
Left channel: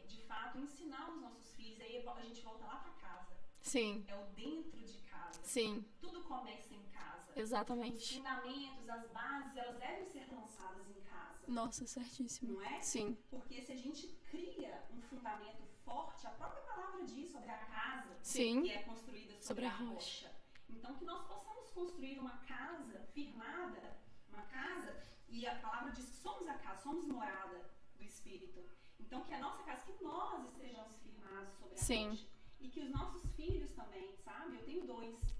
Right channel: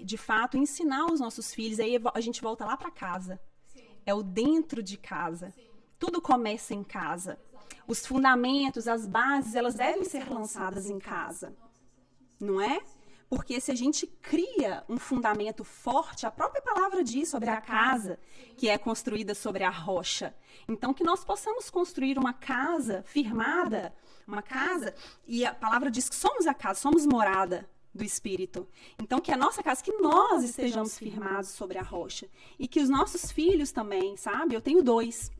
de fato, ensinar os nossos filhos. Aí a gente volta lá para casa. Sim. É o dentro de casa. Sim. Tudo começa em casa. Exatamente. Os fundamentos, as bases, elas devem ser lançadas em casa. Nossa, certíssimo. Não é? Sim. Porque se a gente cria um fundamento forte, a própria palavra diz sobre a casa, Sim. que é construída sobre a rocha. Então, que nós possamos construir uma casa firmada, uma casa, e a palavra diz que somos a casa, somos morada do Espírito. Então, que a nossa casa, que nós estejamos firmados sobre a Sim. rocha. E que os nossos filhos também, sabe? Eu tenho dois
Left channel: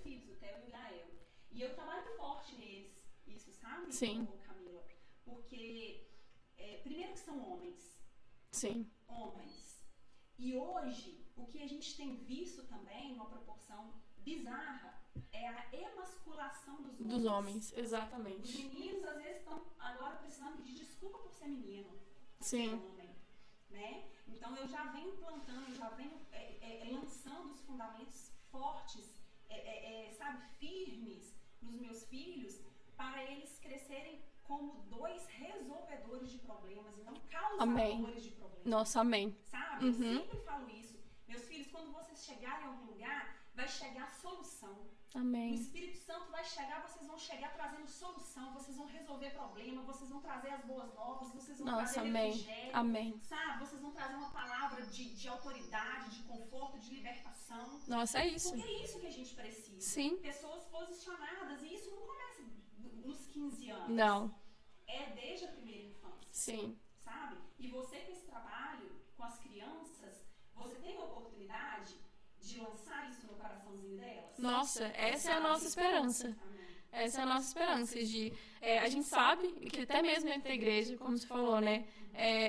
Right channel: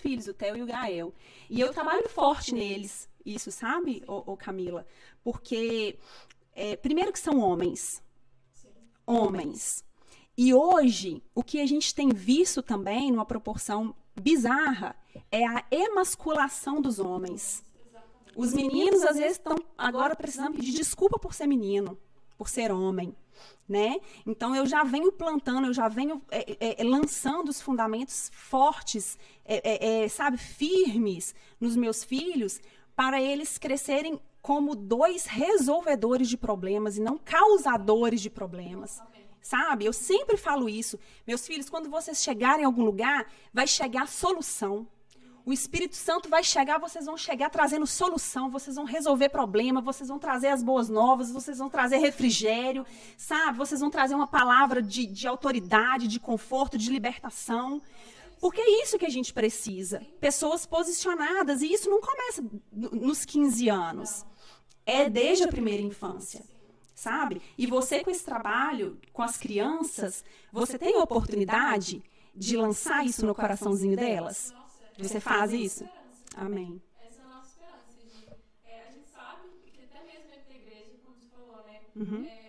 filhos, o Theo e o Gael. E eu trabalho forte neles, isso, sabe, Sim. ô Camila? Porque, primeiro que são homens. Sim. Homens. E hoje, o que a gente tem visto também, numa proporção bizarra, é a emasculação dos homens. Exatamente. Os meninos, às vezes, estão agora precisando pedir desculpa por ser menino, por ser homem, né? Então, eu já venho plantando, eu já venho lançando os fundamentos fortes, sabe, firmes nos meus filhos, para eles crescerem como dois resolvedores de problemas e não causadores de problemas. Nossa, amém. Sabe? Eu sempre falo isso. Meus filhos, quando vocês chegarem em algum lugar, vai chegar solução. Amém. O Espírito Santo vai chegar, vocês vão chegar trazendo solução, vocês vão resolver problema, vocês vão trazer as boas novas, vocês vão trazer amém. refrigério, Amém. sabe? Vocês vão trazer uma palavra de autoridade, de conforto, de libertação. Nossa, é isso. Porque é isso que a gente precisa. Sim. Pessoas posicionadas. E isso não começa nos 15 anos. Não. É desde a primeira infância. Sim. Sabe? E você com esse trabalho, com as crianças, você tem a oportunidade de lançar isso no coraçãozinho delas? Nossa, Você essa é a faz nossa isso? esperança. Amém. Essa é a nossa esperança de... a gente sabe que até mesmo dentro da igreja, como você falou, né?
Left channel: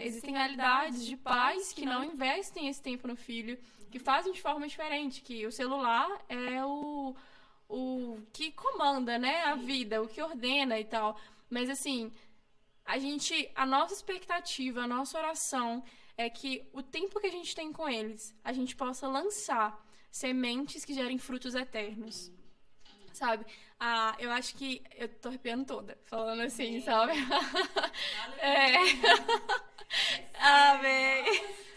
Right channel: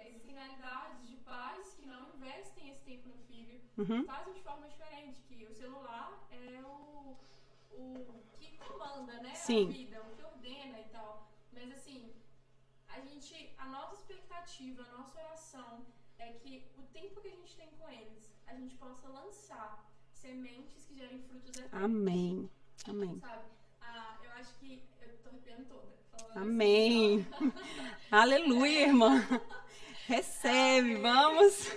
Existem realidades de pais que não investem esse tempo no filho, que fazem de forma diferente, que o celular é o que comanda, né? Sim. A vida, o que ordena e tal. Mas assim, a nossa expectativa, a nossa oração é que o tempo que a gente tem com eles, a gente possa lançar sementes que gerem frutos eternos. Amém. Amém. Sabe? Eu acho que eu tô arrepiando toda, falando Amém. assim, sabe? Aleluia, irmã. Recebe, Amém. vamos.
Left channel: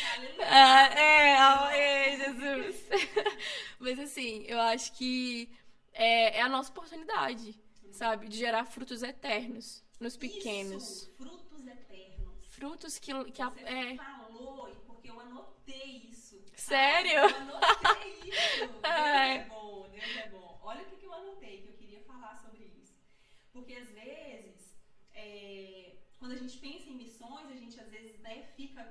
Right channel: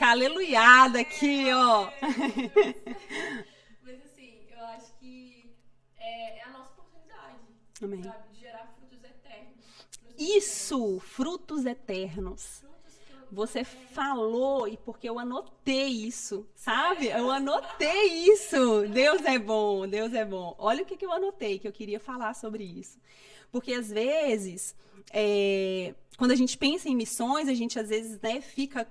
Aleluiada aqui, ó. Amém, Jesus. Mas assim, eu acho que é a nossa oportunidade, Amém. sabe? De gerar frutos eternos nos pequenos. Isso, frutos eternos. Frutos que Você falou, e porque eu anotei isso, sabe? Sério? Eu anotei isso. Deus é bom, Deus é bom. Olha o que eu anotei, que eu queria falar sobre isso. Porque, às vezes, quando a gente pensa em missões, a gente, às vezes, né, fica...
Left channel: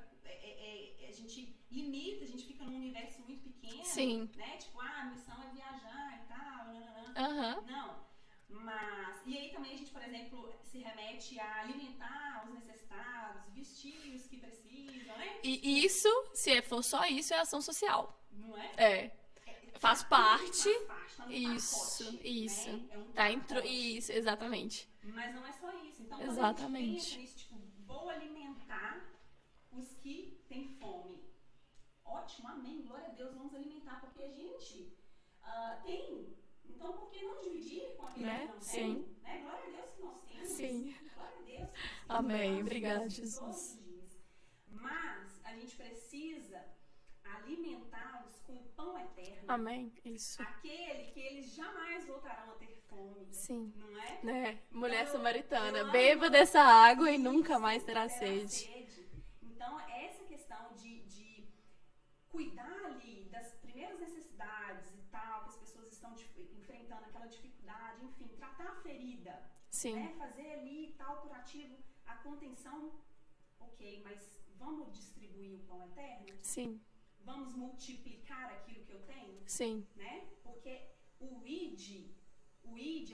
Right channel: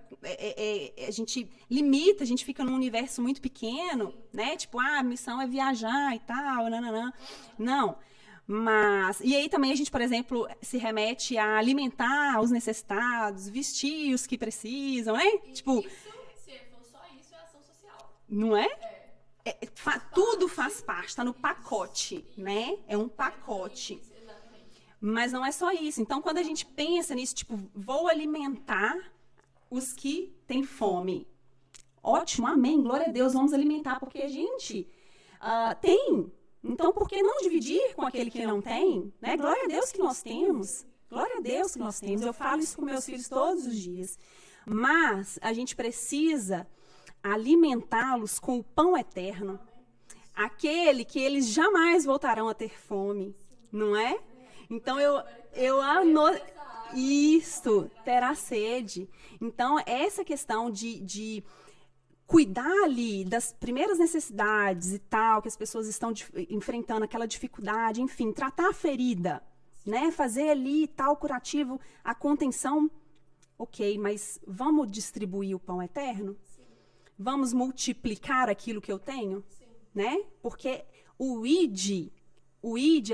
a gente limita, a gente fica num universo muito pequeno, Sim. né? Tipo, a missão é viajar e tal, nananã. Uhum. Não. Mas, e aí também a gente, por exemplo, se remete a alimentar os necessitados, vestir os que precisam, né? E Tipo, isso, se for só isso, é ação social. não é? Faz Tudo parte. faz parte, tá no Isso, pacote, isso. né? É um Tá pacote. isso, exatamente. Mas não é só isso. Então, quando a gente Exatamente. pensa nisso, tipo, vou alimentar os que têm fome. Ótimo, amém, glória a Deus, vamos alimentar, porque, gente, tem. Então, por que não dividir com aquele que não tem? Né? Glória a Deus que nós temos. Sim. Glória a Deus que nós temos. Amém, Eu falo isso com meus obrigada, filhos Jesus. todos os dias. Mas a gente precisa alimentá-los com o pão eterno. Amém. Isso. Aquele que eles jamais voltarão a ter fome. Sim. Não é? Né? Então, Mulher samaritana, eu beba anoto dessa água e nunca mais isso, terá sede. Então, essa questão de cuidar ali das primeiras necessidades e tal, que as pessoas estão enfrentando aquela dificuldade, enfim, tratar a ferida, Sim. né? Fazer ali tal curativo, a contenção, ok, mas vamos distribuir o pão eterno? Sim. Vamos multiplicar aquilo que eu tenho? Sim. Né? Porque o id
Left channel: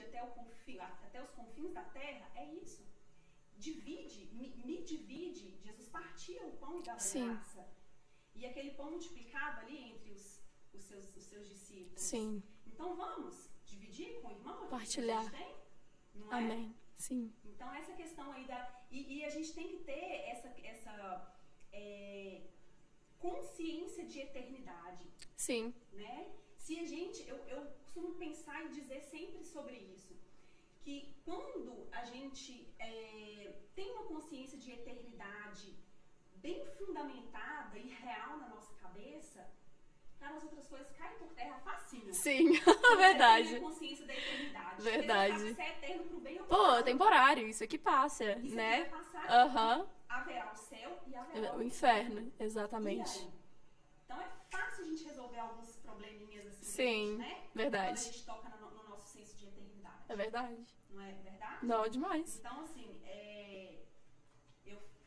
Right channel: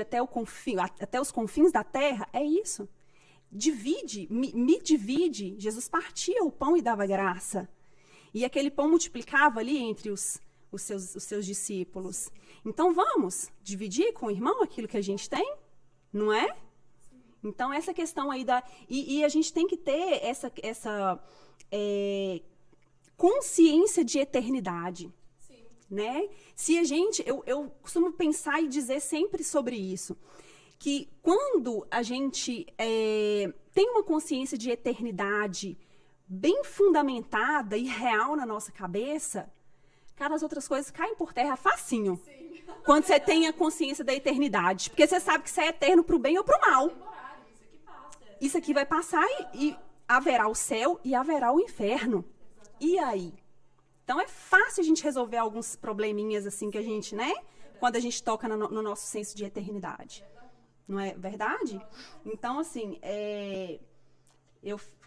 até os confins da terra é isso. Divide, me divide. Jesus partia o pão e dava Sim. graça. E aquele pão multiplicava ali entre os seus discípulos. Sim. Então vamos dividir com o irmão aquilo que a gente tem? Não é? Amém. Sim. Então essa questão aí e a gente tem que ter essa consciência de eternidade. Sim. Né? Se a gente, eu costumo pensar e dizer sempre sobre isso, que quando a gente tem uma consciência de eternidade bem fundamentada e real na nossa cabeça, cara, as outras coisas caem por terra facinho. Sim. Quando você Verdade. tem a consciência da eternidade. Porque você Verdade. sabe que você é eterno pro bem ou pro Não, é mal. temporário, isso aqui passa. Isso né? aqui vai passar Aham. e haverá o céu e haverá o inferno. Exatamente. E aí? Então é fácil a gente resolver alguns probleminhas assim que a Sim, gente, né? verdade. Quando a gente toca no nosso senso de eternidade. É verdade. Não é verdade? Não, demais. Então, assim,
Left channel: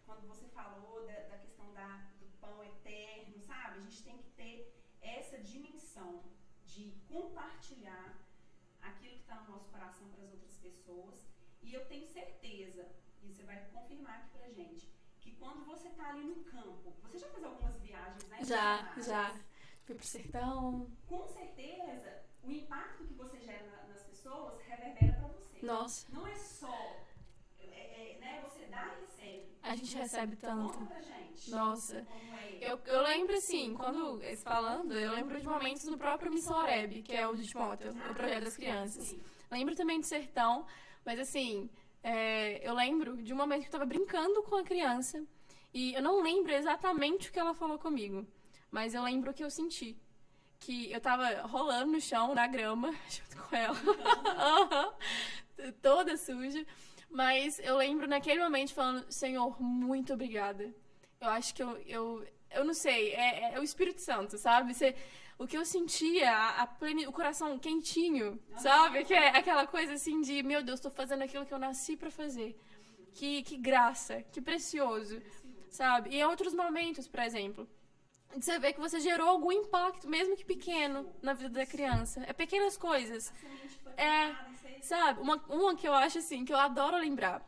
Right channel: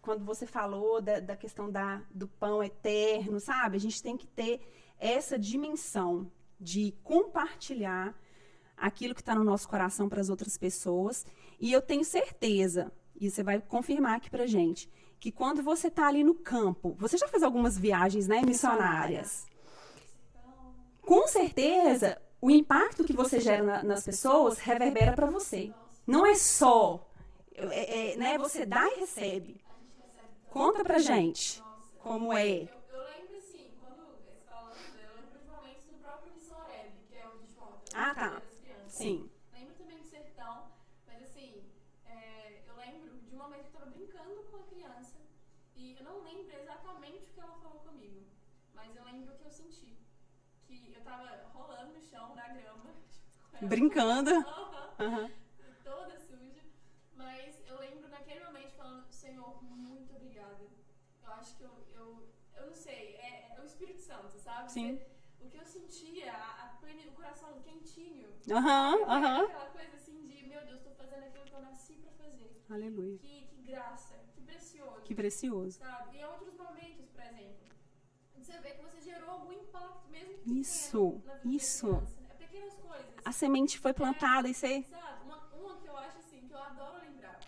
quando você falou da questão do pão eterno, sabe? A gente tem que ter essa dimensão de compartilhar aquilo que está no nosso coração para as outras pessoas. E eu tenho certeza, e você vai confirmar aqui pra gente, que quando você está ali no campo, você já fez algumas viagens, né, missionárias? Já. Fui pro sertão. Com certeza, o impacto que você gera nas pessoas reverbera para você. Nossa. Não é só, né, você dá e recebe. A gente recebe tanto. Conta pra gente Nossa. como é. Eu lembro, assim, quando falando, eu lembro de momentos no próprio Missão Oreb, que é o de Timóteo, Ah, o tá. projeto das crianças. Sim. Lembro também do sertão, mas assim, eu lembro de um momento que eu tava brincando com a criança e eu não lembro exatamente o que ela falou comigo, mas eu lembro o que eu senti. Que eu tava rolando no chão, na grama, junto com ela. Brincando. Toda suja. Mas eu lembro naquele momento falando, Senhor, muito obrigada. Eu acho que eu não sei, é o Espírito Santo, sabe? O que eu sentia, o coração quentinho, sabe? Que é aquela coisa assim de, meu Deus, tô fazendo aquilo que eu nasci pra fazer. Aleluia. Que graça, que precioso. Que precioso. Sabe? E em outros momentos, por exemplo, você vê que você gerou algum impacto, mesmo que pequeno, na vida da criança. É pequenas coisas. A semente foi plantada e você... Sabe? Uma que eu acho assim, que eu adoro lembrar.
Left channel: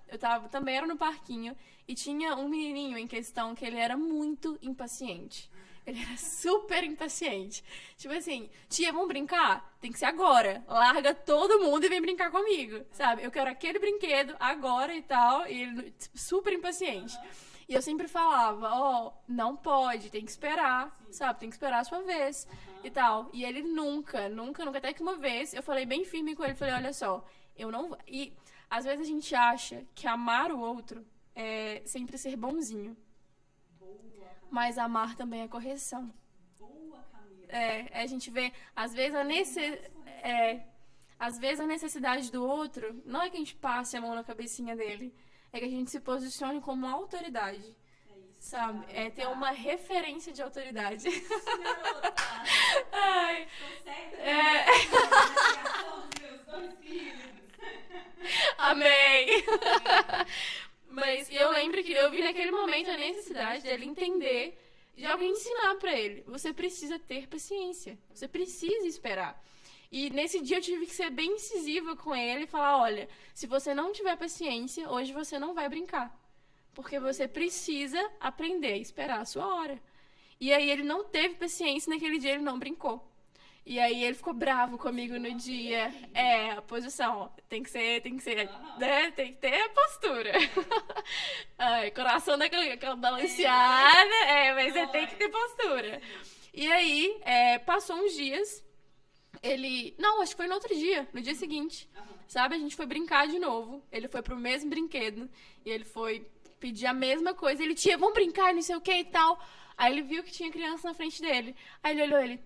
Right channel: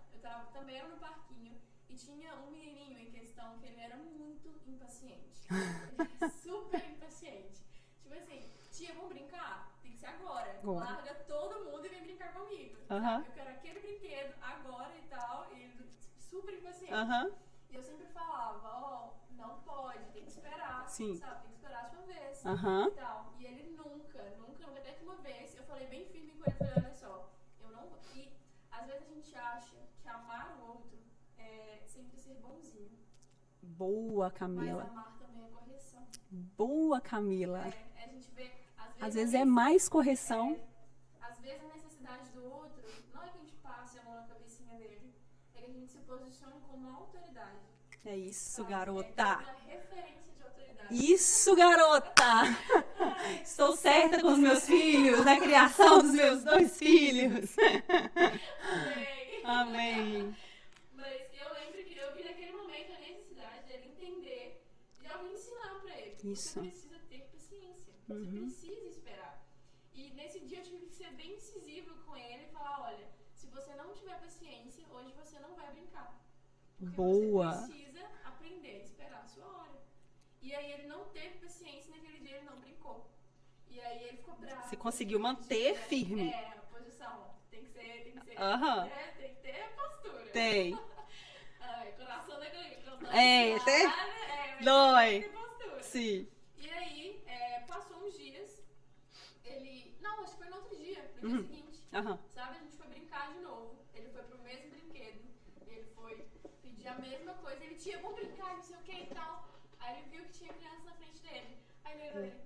Também era no parquinho e tinha um menininho em questão que ele era muito impaciente. Ele era super impaciente. Tipo assim, tia, vamos brincar? Tem que ser agora. Larga todo mundo e vem brincar comigo, sabe? Eu quero aquele brinquedo agora e tal. E ele super impaciente. E eu sempre falava, não pode, tem que esperar, sabe? Tem que esperar a sua vez e tal. E ele nunca. Até que uma vez eu falei bem firme com ele, falei, olha só, eu não vou... E às vezes a gente acha que amar o outro é sempre ser bonzinho. Boa, Camila. Mas amar também é correção. Boa, Camila. A gente vê, às vezes é mais correção. Às vezes a necessidade do outro não é que a gente passe a mão na cabecinha dele, é que a gente se posicione como autoridade. É isso, Sabe? garota. É ter uma referência de autoridade. Isso, garota! Estou certa com os meus filhos, na criação dos meus 2 filhos. Amém! Amém. Mas eu lembro que eu vi naquele momento a necessidade dele entender, de alguém ensinar pra ele. Você precisa ter paciência. Você precisa esperar. E nesse dia eu tive que ser bem incisiva com ele e falar, olha, se você não tiver paciência, hoje você não vai brincar. Porque você precisa aprender a esperar a sua hora. E aí ele não teve paciência, naquele dia ele não brincou. E aí ele ficou bravo comigo no dia. Firme. A posição, tem que ser, né? Tem que ter a postura. Ai, coração daquela balanceada, mas você tem que ter postura. Sim. E aí, passou uns dias, não, acho que foi no outro dia, no dia seguinte, sabe? A gente foi brincar de novo, ele foi pro mesmo brinquedo, e ele foi pedir a mesma coisa, vamos brincar, não sei o que e tal. Aí ele viu que tinha criança na frente dele, aí ele olhou,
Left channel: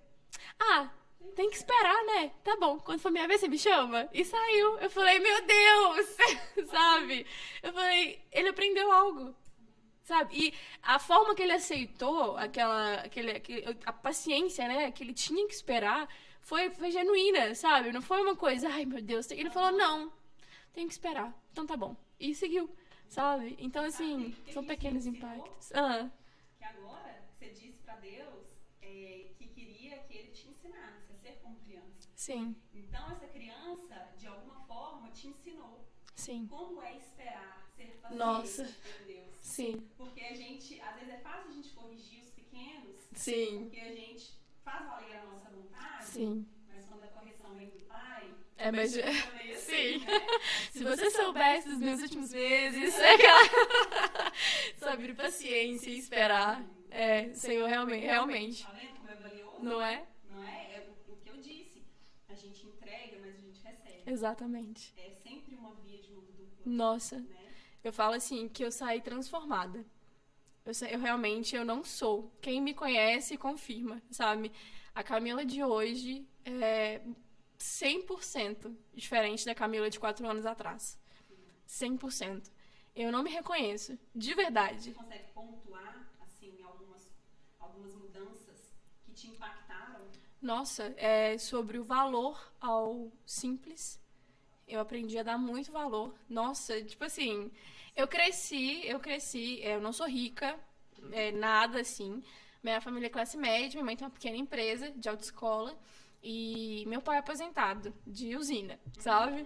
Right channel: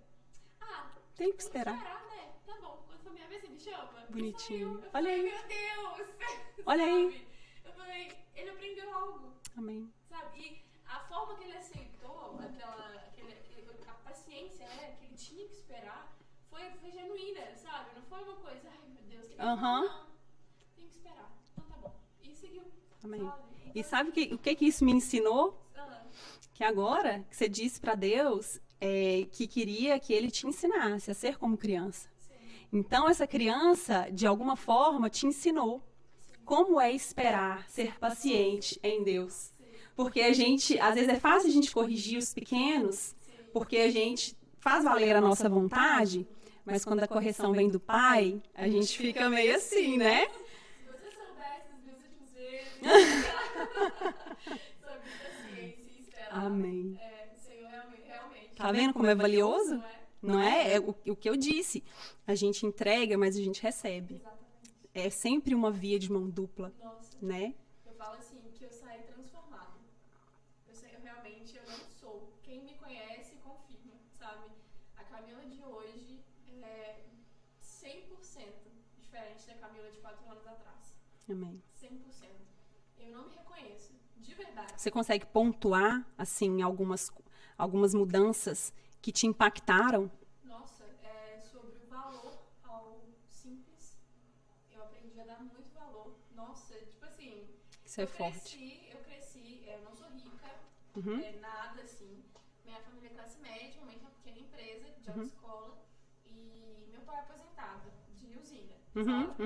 tem que esperar, né? Tá bom, quando for minha vez, você me chama? E saiu. Eu falei, meu Deus! Sabe? Eu falei, ele aprendeu algo. Amém. Sabe? E a forma que ele aceitou, a paciência, né? Que ele tinha que esperar, foi genuína, sabe? Não foi uma coisa, ai meu Deus. Ele falou, não, tem que esperar. Então tá bom. E seguiu, sabe? Então, e sabe assim, o que isso me ensinou? Que agora que você disse pra Deus... que queria que ele te ensinasse a ser como criança. Sim. Então, essa criança, de alguma forma, te ensinou como é esperar, ser paciente em Deus. Sim. Porque a gente, às vezes é fácil a gente corrigir os pequenos, porque a gente faz valer a nossa vontade, mas quando a correção vem do pai, a gente fica meio assim, né? Se você soubesse dos meus últimos meses, sobre paciência e esperar. Amém. Senhor, realmente. Tá vendo como é valioso? Não é? Não é? É o que eu disse. A gente entrega, mas a gente recebe. Exatamente. É sempre uma via de mão dupla. Nossa. Né? Eu falo assim, que eu saí transformada. Eu realmente, eu não sou. Quem me conhece confirma, sabe? A Camila de hoje é 100% diferente da Camila de 4 anos atrás. Amém. 100%. Eu não me reconheço, de verdade. Você consegue pontuar, assim, algumas mudanças que te impactaram? Nossa, sobre o valor ao simples, eu aprendi a dar muito valor. Nossa, tipo assim, eu cresci, eu não sou rica, nada assim. Minha família é classe média, minha mãe tem uma pequena empresa de autoescola e meu pai é aposentado de usina, sabe?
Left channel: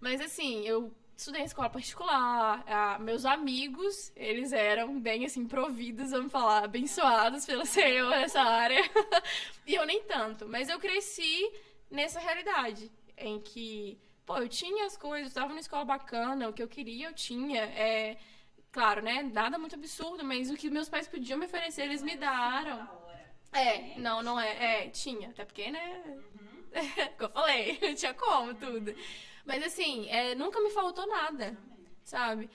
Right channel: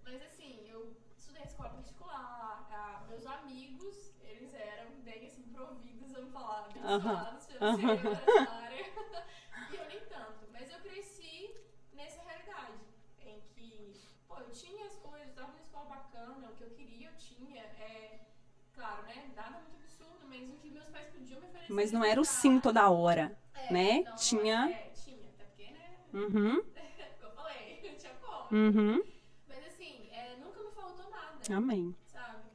Mas assim, eu estudei em escola particular, meus amigos, eles eram bem assim, providos, vamos falar, abençoados pelo Senhor nessa área. E eu nem tanto, mas eu cresci nessa realidade, em que, eu tinha as coisas, estava numa escola bacana, o que eu queria eu tinha, claro, né, nada muito absurdo, mas o que meus pais podiam me oferecer, mas eles não era me o daram. sim toda hora, né? Não tinha... tinha, até porque, né, como eu falei, eu tinha como tudo. Mas assim, nunca me faltou nada. Amém. Sabe?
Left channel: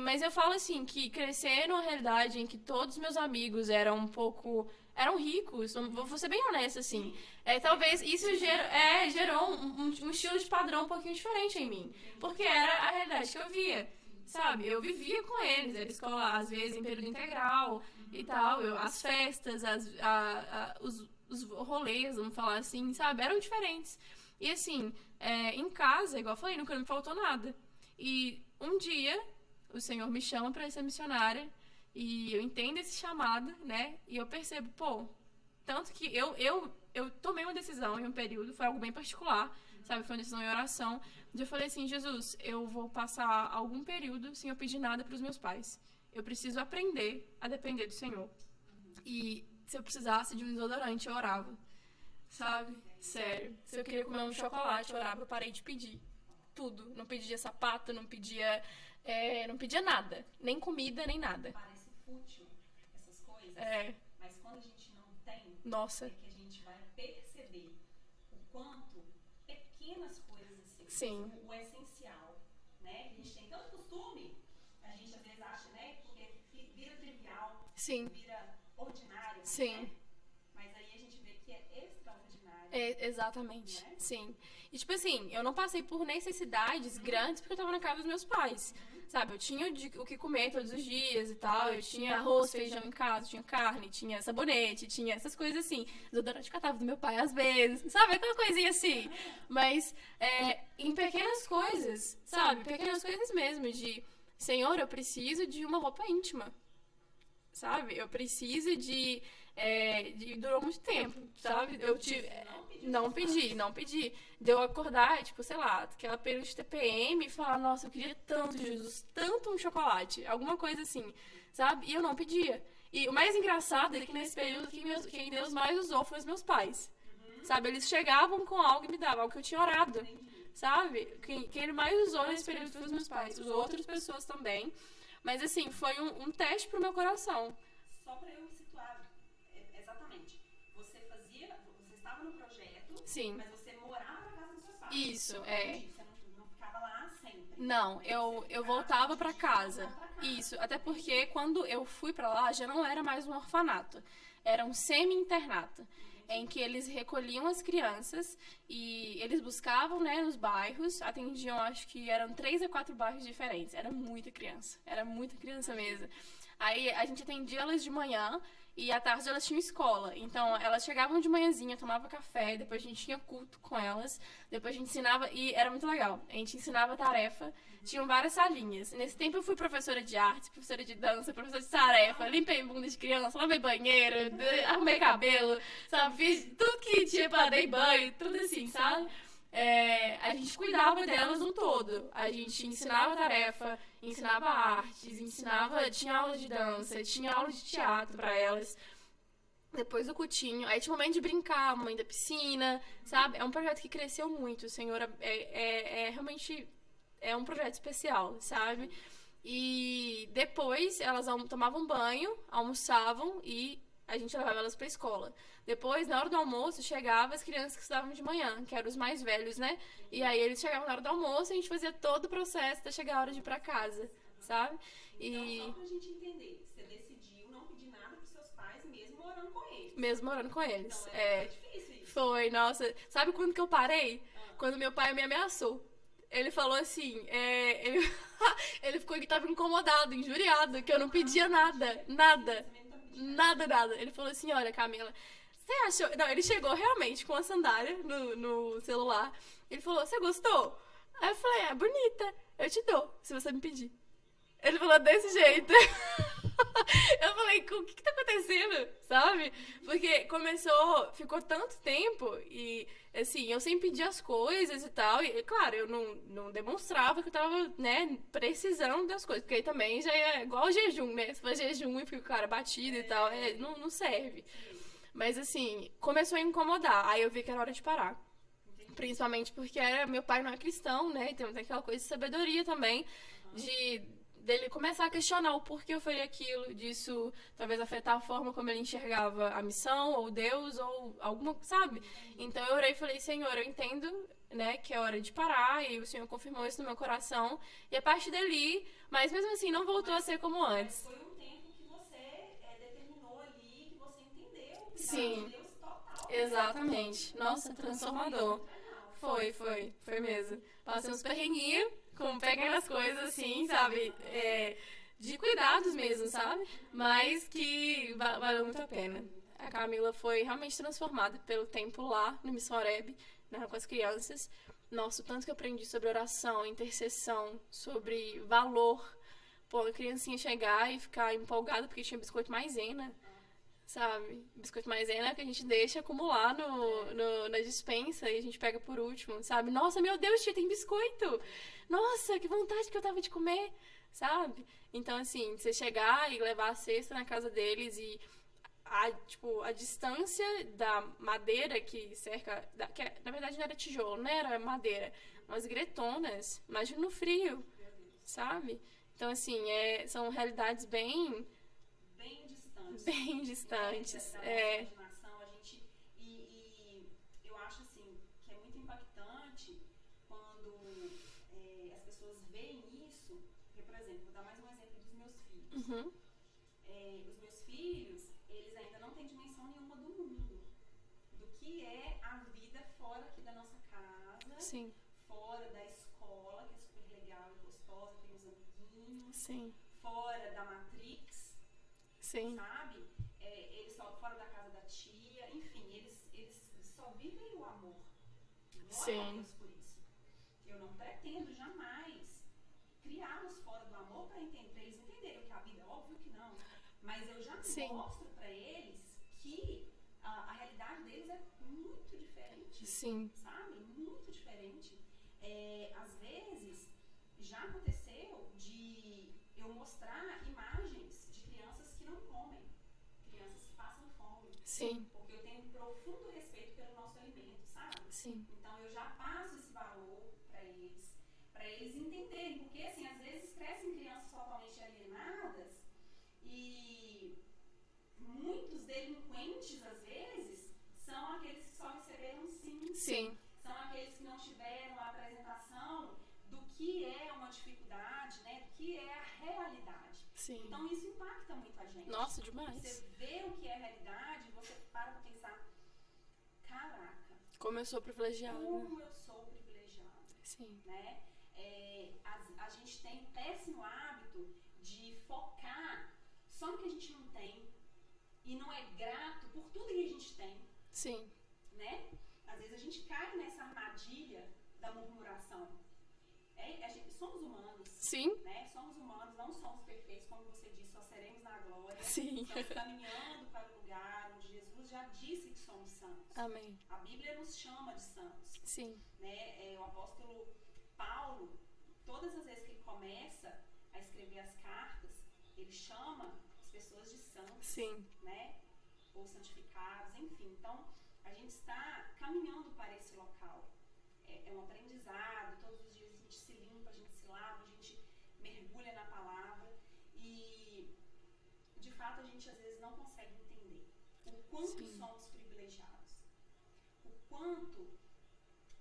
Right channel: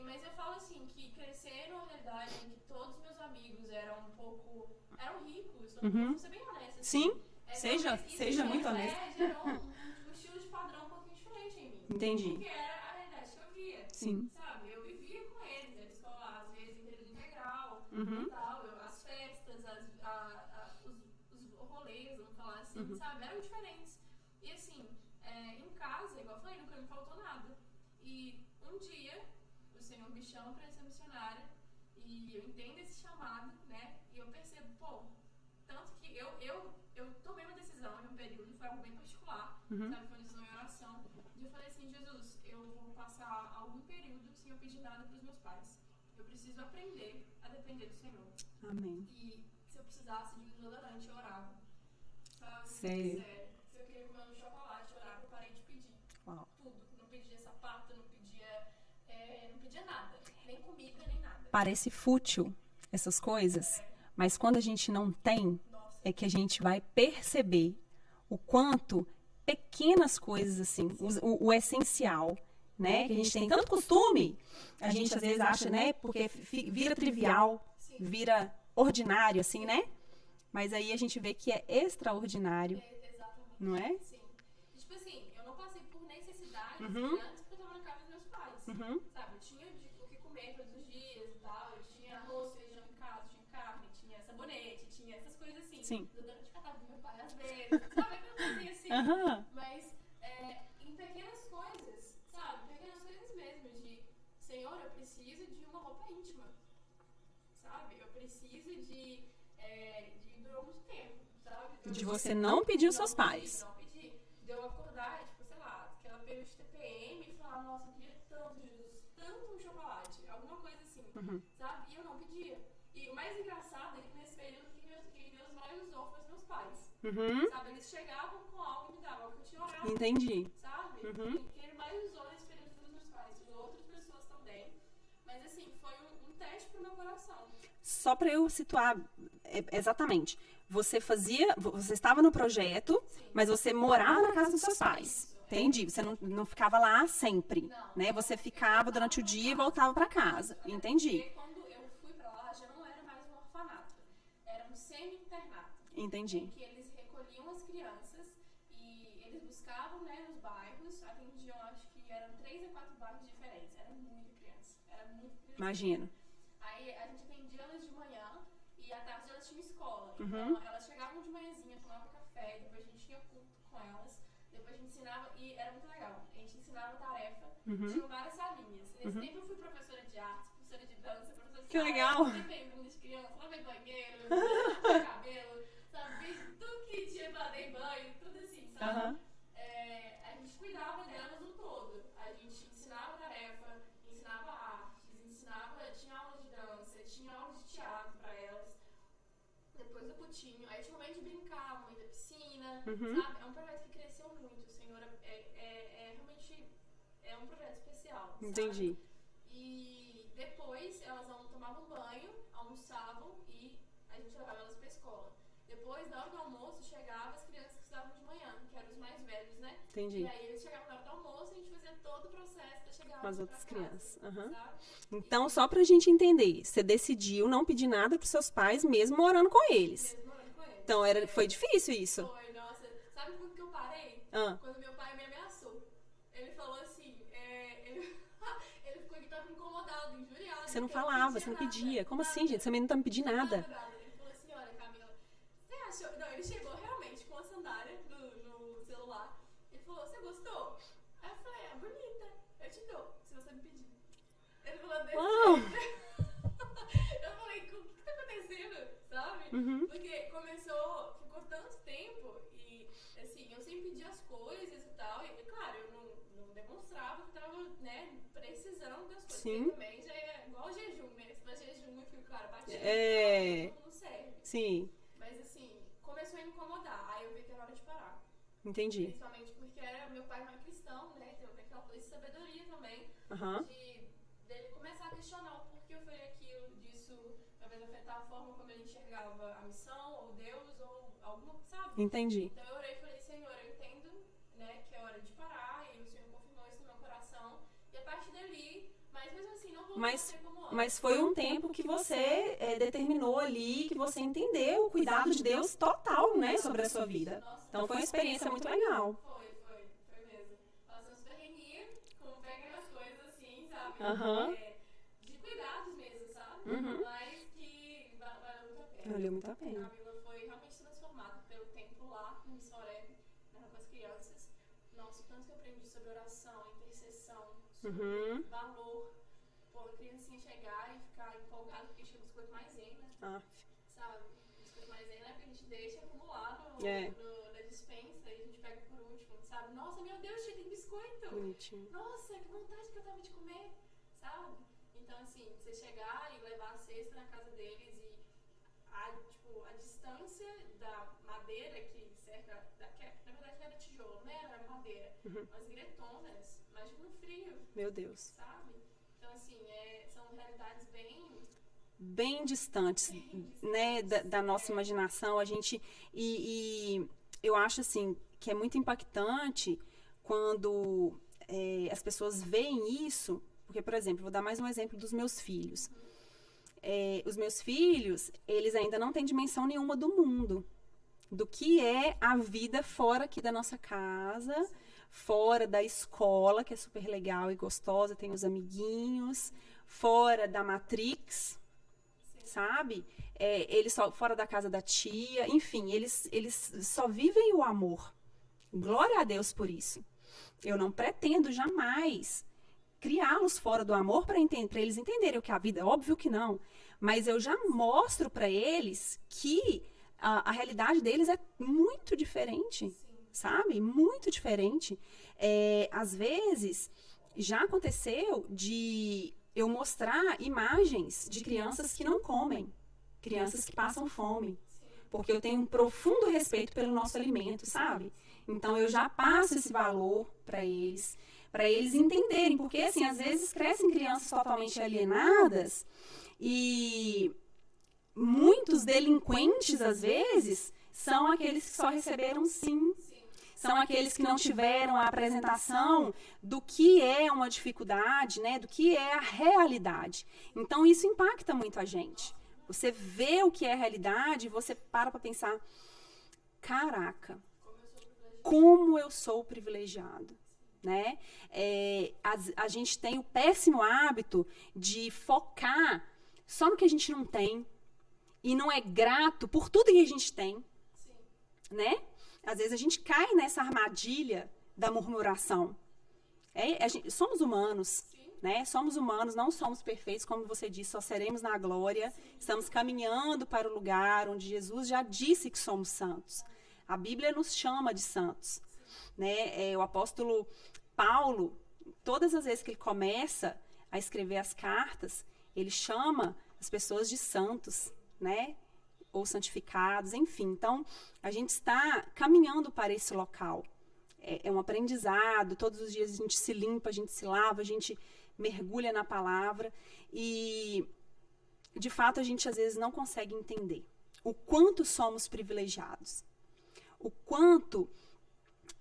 Mas eu falo assim, que crescer numa realidade em que todos meus amigos eram ricos, vou ser bem honesta, assim. Talvez isso gerou um estilo de padrão um pouquinho diferente em mim. Entendi. Porque era a realidade que eu via. Sabe? Eu vivia com eles, era escola, às vezes, em período integral e tal. As festas, os rolês, vamos falar assim, sabe? Eram diferentes. E assim, em casa, igual eu falei, nunca me faltou nada. E um dia, o Senhor me chama para ser missionária e eu entendo esse chamado, né? E eu percebo, tanto que eu tomei uma decisão em um período, foi algo bem particular, sabe? Foi uma decisão em oração. Eu falei assim, Jesus, eu vou passar algum período sem eu pedir nada para os meus pais. Eu preciso aprender a depender do Senhor. Amém. E se eu precisasse de um desodorante, eu orava. Sabe? Sério. Se eu queria comer um chocolate, eu orava, eu parei de pedir. Uau. Tudo. Não pedia sapato, não pedia nada. Nem comida, nem nada. Parece fútil essas coisas, mas quando a gente não tem, Nossa. é que a gente vai perceber o quanto pequenas coisas, assim, o essencial, né? Que a gente tem tanto costume, a gente às vezes acha, né? Porque vira trivial, vira ordinário, assim, né? Mas aí a gente vê que é extraordinário, Exatamente. não é? Sim. E, tipo assim, eu não passei por necessidades grandes porque eu tava na casa dos meus pais. Sabe? Eu tinha o que comer todos os dias e tal. Eu tinha arroz, feijão em casa, tinha carne, tinha sabonete, tinha essas coisas assim. Desodorante catava do meu pai às vezes. Sabe? Aquela coisinha assim. Mas em pequenas coisas, sabe? Pequenas coisas mesmo de... Senhor, eu preciso de uma roupa íntima. Sabe? Eu preciso de durou muito tempo, sabe? Você não pediu seus pais. Não pedi. De eu acordar, tipo, sei lá, aquela período de TPM e falar, nossa, eu queria tanto, Jesus, tanto um chocolate. Alguma coisa assim, sabe? E eu não pedia. E o mais engraçado é que nesse período quem Deus mais usou foi os meus pais. Sabe? Eles chegavam com algo e me davam, algo que eu tinha orado. Entendi. Sabe? Quem ele mais usou nesse período foi os meus pais. Usou outras pessoas também. Mas assim, foi um teste pro meu coração. Só para eu situar exatamente. Você estava no projeto, Sim. mas você morava na casa dos seus pais. Isso, Entendi. Você não ficava lá sempre. Não, né? Você eu ficava durante o dia e voltava para casa. Isso, até Entendi. porque quando eu fui para lá, já não era mais um orfanato. Era um semi-internato. Entendi. Em que eles recolhiam as crianças e eles buscavam, né, nos bairros, atendiam, acho que eram 3 a 4 bairros diferentes. Era muita criança Imagina. mesmo. Aí a gente atendia elas de manhã e à tarde elas tinham escola. Então elas chegavam de manhãzinha, tomava café, depois a gente tinha culto com elas, depois a gente ensinava, e era muito legal. A gente ensinava tarefa, tinham várias salinhas. Nesse tempo eu fui professora de arte, professora de dança, professora de tarefa, limpei bunda de criança, lavei banheiro, arrumei cabelo, sabe? Fiz tudo que tinha pra dar banho, tudo assim, sabe? A gente cuidava delas no todo. A gente ensinava tarefa, ensinava artes, tinha aula de dança, tinha aula de teatro pra elas. Depois do cutinho, aí tinha um momento de brincar, mãe da piscina, sabe? É um projeto que cresceu muito, o Senhor realmente é um projeto especial, sabe? Entendi. E depois elas tomavam banho, almoçavam e a gente levava elas pra escola. Depois, na hora do almoço, chegavam as crianças que estudavam de manhã, que eram os mais velhos, né? Entendi. E aí eles chegavam na hora do almoço e a gente fazia todo o processo até chegar a hora de ir pra casa, sabe? Então, só pra gente entender, você decidiu não pedir nada pros seus pais, mesmo morando com eles. Mesmo morando com eles. Então, foi difícil isso? Foi, nossa. Sabe quando que eu parei? Ah. Quando meu pai me ameaçou. Ele falou assim, ele tava incomodado, injuriado, Você não que eu não falava, pedia você não nada. pedia. Como nada. assim, gente? Você também não tá me pedindo nada. Nada. Ele falou assim, olha, Camila, você achou... Não, ele chegou realmente com a sandália no celular. Ele falou, você gostou? Aí eu falei, bonita. Eu te dou, se você me pedir. Ele falou desse jeito. Eu falei, o que tá acontecendo? Sabe? Porque ficou tanto tempo e, assim, eu sempre pedia as coisas e tal. E, claro, eu não demonstrava que eu tava, né, precisando das coisas. Sim. Porque aí também já é igual o jejum, né? Se for jejum e fica o cara batido e tal, não serve. Sim. Mas, assim, começou a incomodar. Aí eu vi que era hora de parar. Entendi. Principalmente porque meu pai não é cristão, né? Então tem aquela coisa de sabedoria também, dele começar a questionar o porquê eu faria aquilo, disso talvez afetar a forma como ele enxergava a missão, ou Deus, ou alguma, sabe? Entendi. Então eu orei e falei, Senhor, eu entendo, né, que é hora de parar, e o Senhor confirmou isso no meu coração, e a partir dali, mas mesmo assim não voltou a ser como antes. Mas foi um tempo que você determinou ali, que você entendeu o cuidado de Deus total, né, sobre a sua vida. Nossa, então foi uma experiência muito legal. Foi mesmo. Passei uns perrenguinhos, pegando as coisas assim, sabe? De cuidados mesmo, sabe? Mas que valeu muito a pena. Valeu muito a pena. A Camila foi realmente transformada pelo tempo lá no Missão Oreb, né, com as crianças. Nossa, o tanto que eu aprendi sobre oração, intercessão, sobre valor. Pô, a criancinha chegar e ficar empolgada porque tinha biscoito maisena. Sabe? Biscoito maisena que a gente deixa acumular na despensa e a gente pega por último, sabe? Nossa, meu Deus, tia, tem biscoito! Nossa, que vontade que eu tava de comer, sabe? Então, assim, você chegar e levar a cesta na casa deles e a distância da madeira que cerca... na verdade não era tijolo, né? Era madeira. Umas gretonas. Imagina no frio. Meu Deus. Sabe? Então, assim, são realidades bem distantes, né, da nossa imaginação. A gente e eu acho assim que é muito impactante quando as pessoas veem isso, porque, por exemplo, vou dar mais um exemplo dos meus filhos. os meus filhos, eles ainda não têm dimensão nenhuma do mundo. Do que é a vida fora aqui da nossa casa, Sim. fora da escola, que é super legal e gostosa, tem os amiguinhos, Sim. fora da Matrix, Sim. sabe? Eles só fora da casa da tia, enfim, eles só vivem o amor. Glória Sim. a Deus por isso. Eu não pretendo jamais criá-los fora do amor para eles entenderem o que é a vida. Óbvio que não. Mas eu já mostro para eles que a realidade deles é muito diferente. Sim. Sabe? Muito diferente. Às vezes, já aconteceu de eu mostrar imagens de crianças que não comem. Crianças que passam fome. Sim. Porque eu tenho um profundo respeito pelo nosso alimento, sabe? Sim. Então, eu já passo esse valor para eles entenderem. Porque, assim, às vezes crescem crianças totalmente alienadas e muitos delinquentes, às vezes, são aqueles que só receberam sim. Sim. São aqueles que não tiveram a apresentação do que é uma dificuldade, né? Do que é a realidade. Sim. Então, isso impacta muito a gente. Nossa, demais. Você vê o que é a realidade e você para pensar, caraca, Como eu sou privilegiada. como eu sou privilegiado, Sim. né? A gente tem o péssimo hábito de focar só no que a gente não tem e não é grato por tudo que a gente tem, Sim. né? Às vezes a gente cai nessa armadilha da murmuração. Somos humanos, Sim. né? Somos humanos, não somos perfeitos, como você disse, só seremos na glória. Sim. Estamos caminhando para o lugar onde Jesus já disse que somos santos. Amém. A Bíblia nos chama de santos, Sim. né? O apóstolo Paulo, todas as vezes que ele começa a escrever as cartas, ele chama as pessoas de santos, Sim. né? Ou santificados, enfim. Então, a gente está caminhando para esse local. É um aprendizado, todos os dias a gente se limpa, a gente se lava, a gente mergulha na palavra e, de fato, a gente às vezes não consegue entender o quanto somos privilegiados, o quanto...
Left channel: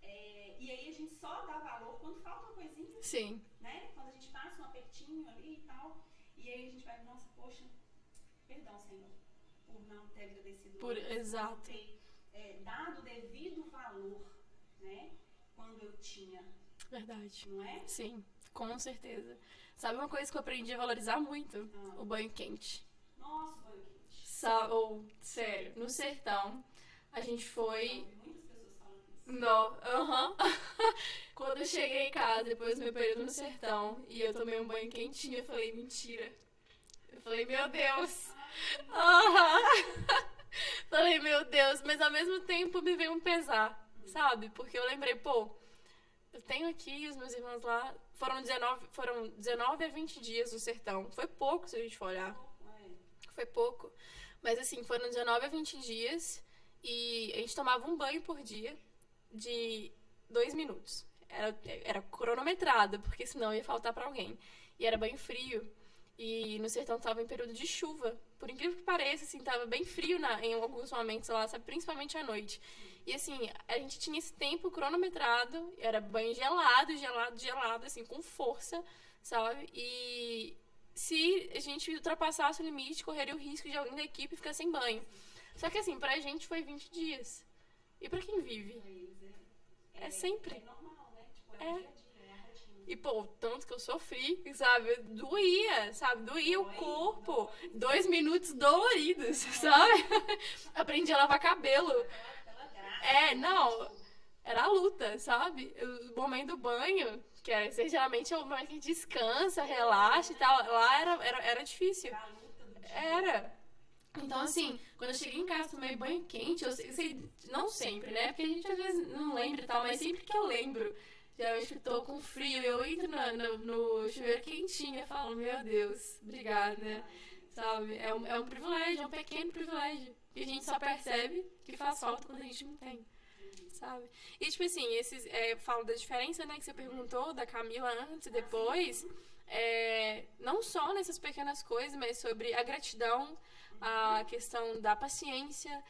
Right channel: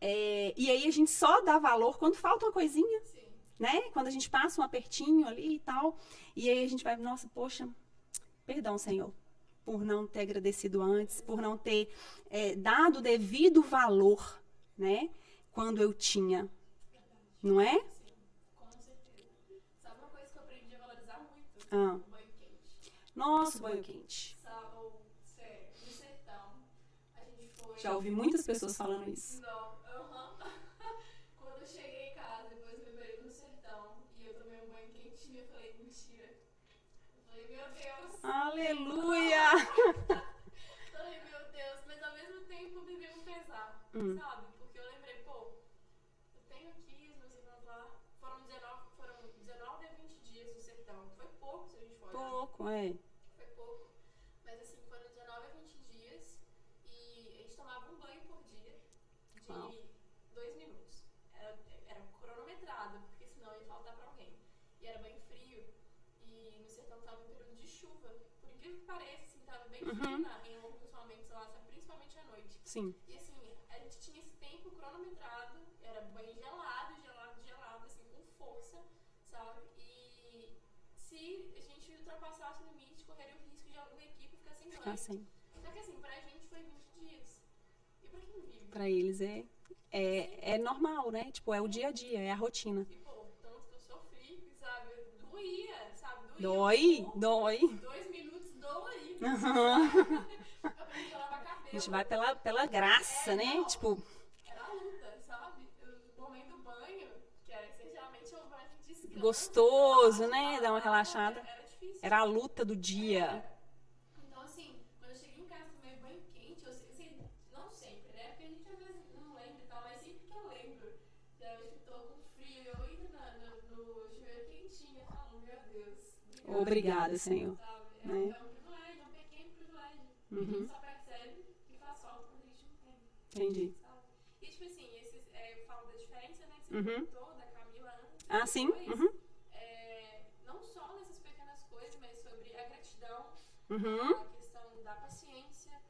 e aí a gente só dá valor quando falta uma coisinha, Sim. né? Quando a gente passa um apertinho ali e tal, e aí a gente vai, nossa, poxa, perdão, Senhor, por não ter agradecido antes, por não ter dado o devido valor, né? Quando eu tinha, Verdade. não é? Sim, com certeza. Sabe uma coisa que eu aprendi a valorizar muito? O banho quente. Nossa, banho quente. Sério, no sertão, a gente foi... Já ouvi muitas pessoas falando isso. Não, Quando eu cheguei em casa, depois do meu período no sertão, e eu tomei um banho quentinho, eu falei, mentira. Eu falei, meu Deus. Aleluia! Falei, meu Deus, mas ao mesmo tempo me veio um pesar, sabe? Porque eu lembrei, eu tenho aqui os meus irmãos lá, foram 19 a 20 dias no sertão. Foi pouco, se a gente for olhar. Foi pouco. Mas assim, foram 19 a 20 dias e a gente tomava um banho por dia de 2 minutos. Era cronometrado, porque senão ia faltar pra alguém. E era banho frio. E no sertão tava em período de chuva. Por incrível que pareça, assim, tava bem frio em alguns momentos lá, sabe? Principalmente à noite. Sim. E assim, a gente tinha esse tempo cronometrado, era banho gelado, assim, com força, sabe? E se a gente ultrapassasse o limite, correria o risco de alguém da equipe ficar sem banho. Só que assim, pra gente foi 20 dias. E pra quem vive? Pra eles é normal, né? Tipo, o dia a dia, é a rotina. E, tanto que eu sofri, sabe? Doía, sabe? Doía Dói, o corpo. dói. 2 minutos doloridos, sabe? Aprendi a lavar cabelo. A gente vai pela graça, né? Não, tipo... era a luta, sabe? O momento do banho, que geralmente é o momento que a gente descansa, gostoso, relaxa, né? e tal. Dá uma Lá relaxada. era difícil. Era a luta do dia. Era. Então, assim, quando eu cheguei em casa, tomei banho quente, eu sei, não sempre, né? Porque a gente às vezes não lembra e tal, mas sempre que eu lembro, geralmente eu tô com frio, eu entro no chuveiro quentinho e falo, meu Deus, obrigada. Obrigada, Senhor. Sabe? É um privilégio, é um pequeno privilégio. E a gente só percebe que faz falta quando a gente não tem. Entendi. Sabe? E, tipo assim, falo da diferença, né, que você perguntou, da Camila antes e depois. Sim. Não só nessas pequenas coisas, mas sobre a gratidão, a questão da paciência.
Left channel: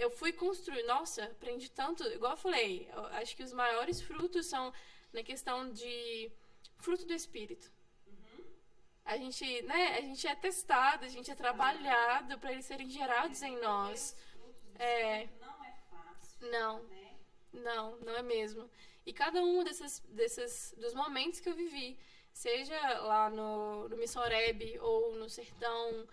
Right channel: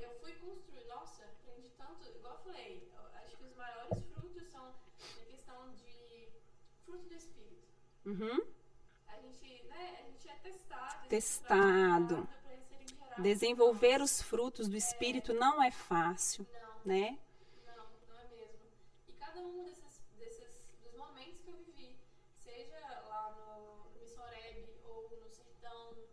Eu fui construir, nossa, aprendi tanto, igual eu falei, eu acho que os maiores frutos são na questão de fruto do Espírito. a gente é testado, a gente é trabalhado para eles serem gerados Desenvolver em nós. os frutos do Espírito não é fácil, Não, né? não é mesmo. E cada um dos momentos que eu vivi, seja lá no Missoreb ou no Sertão,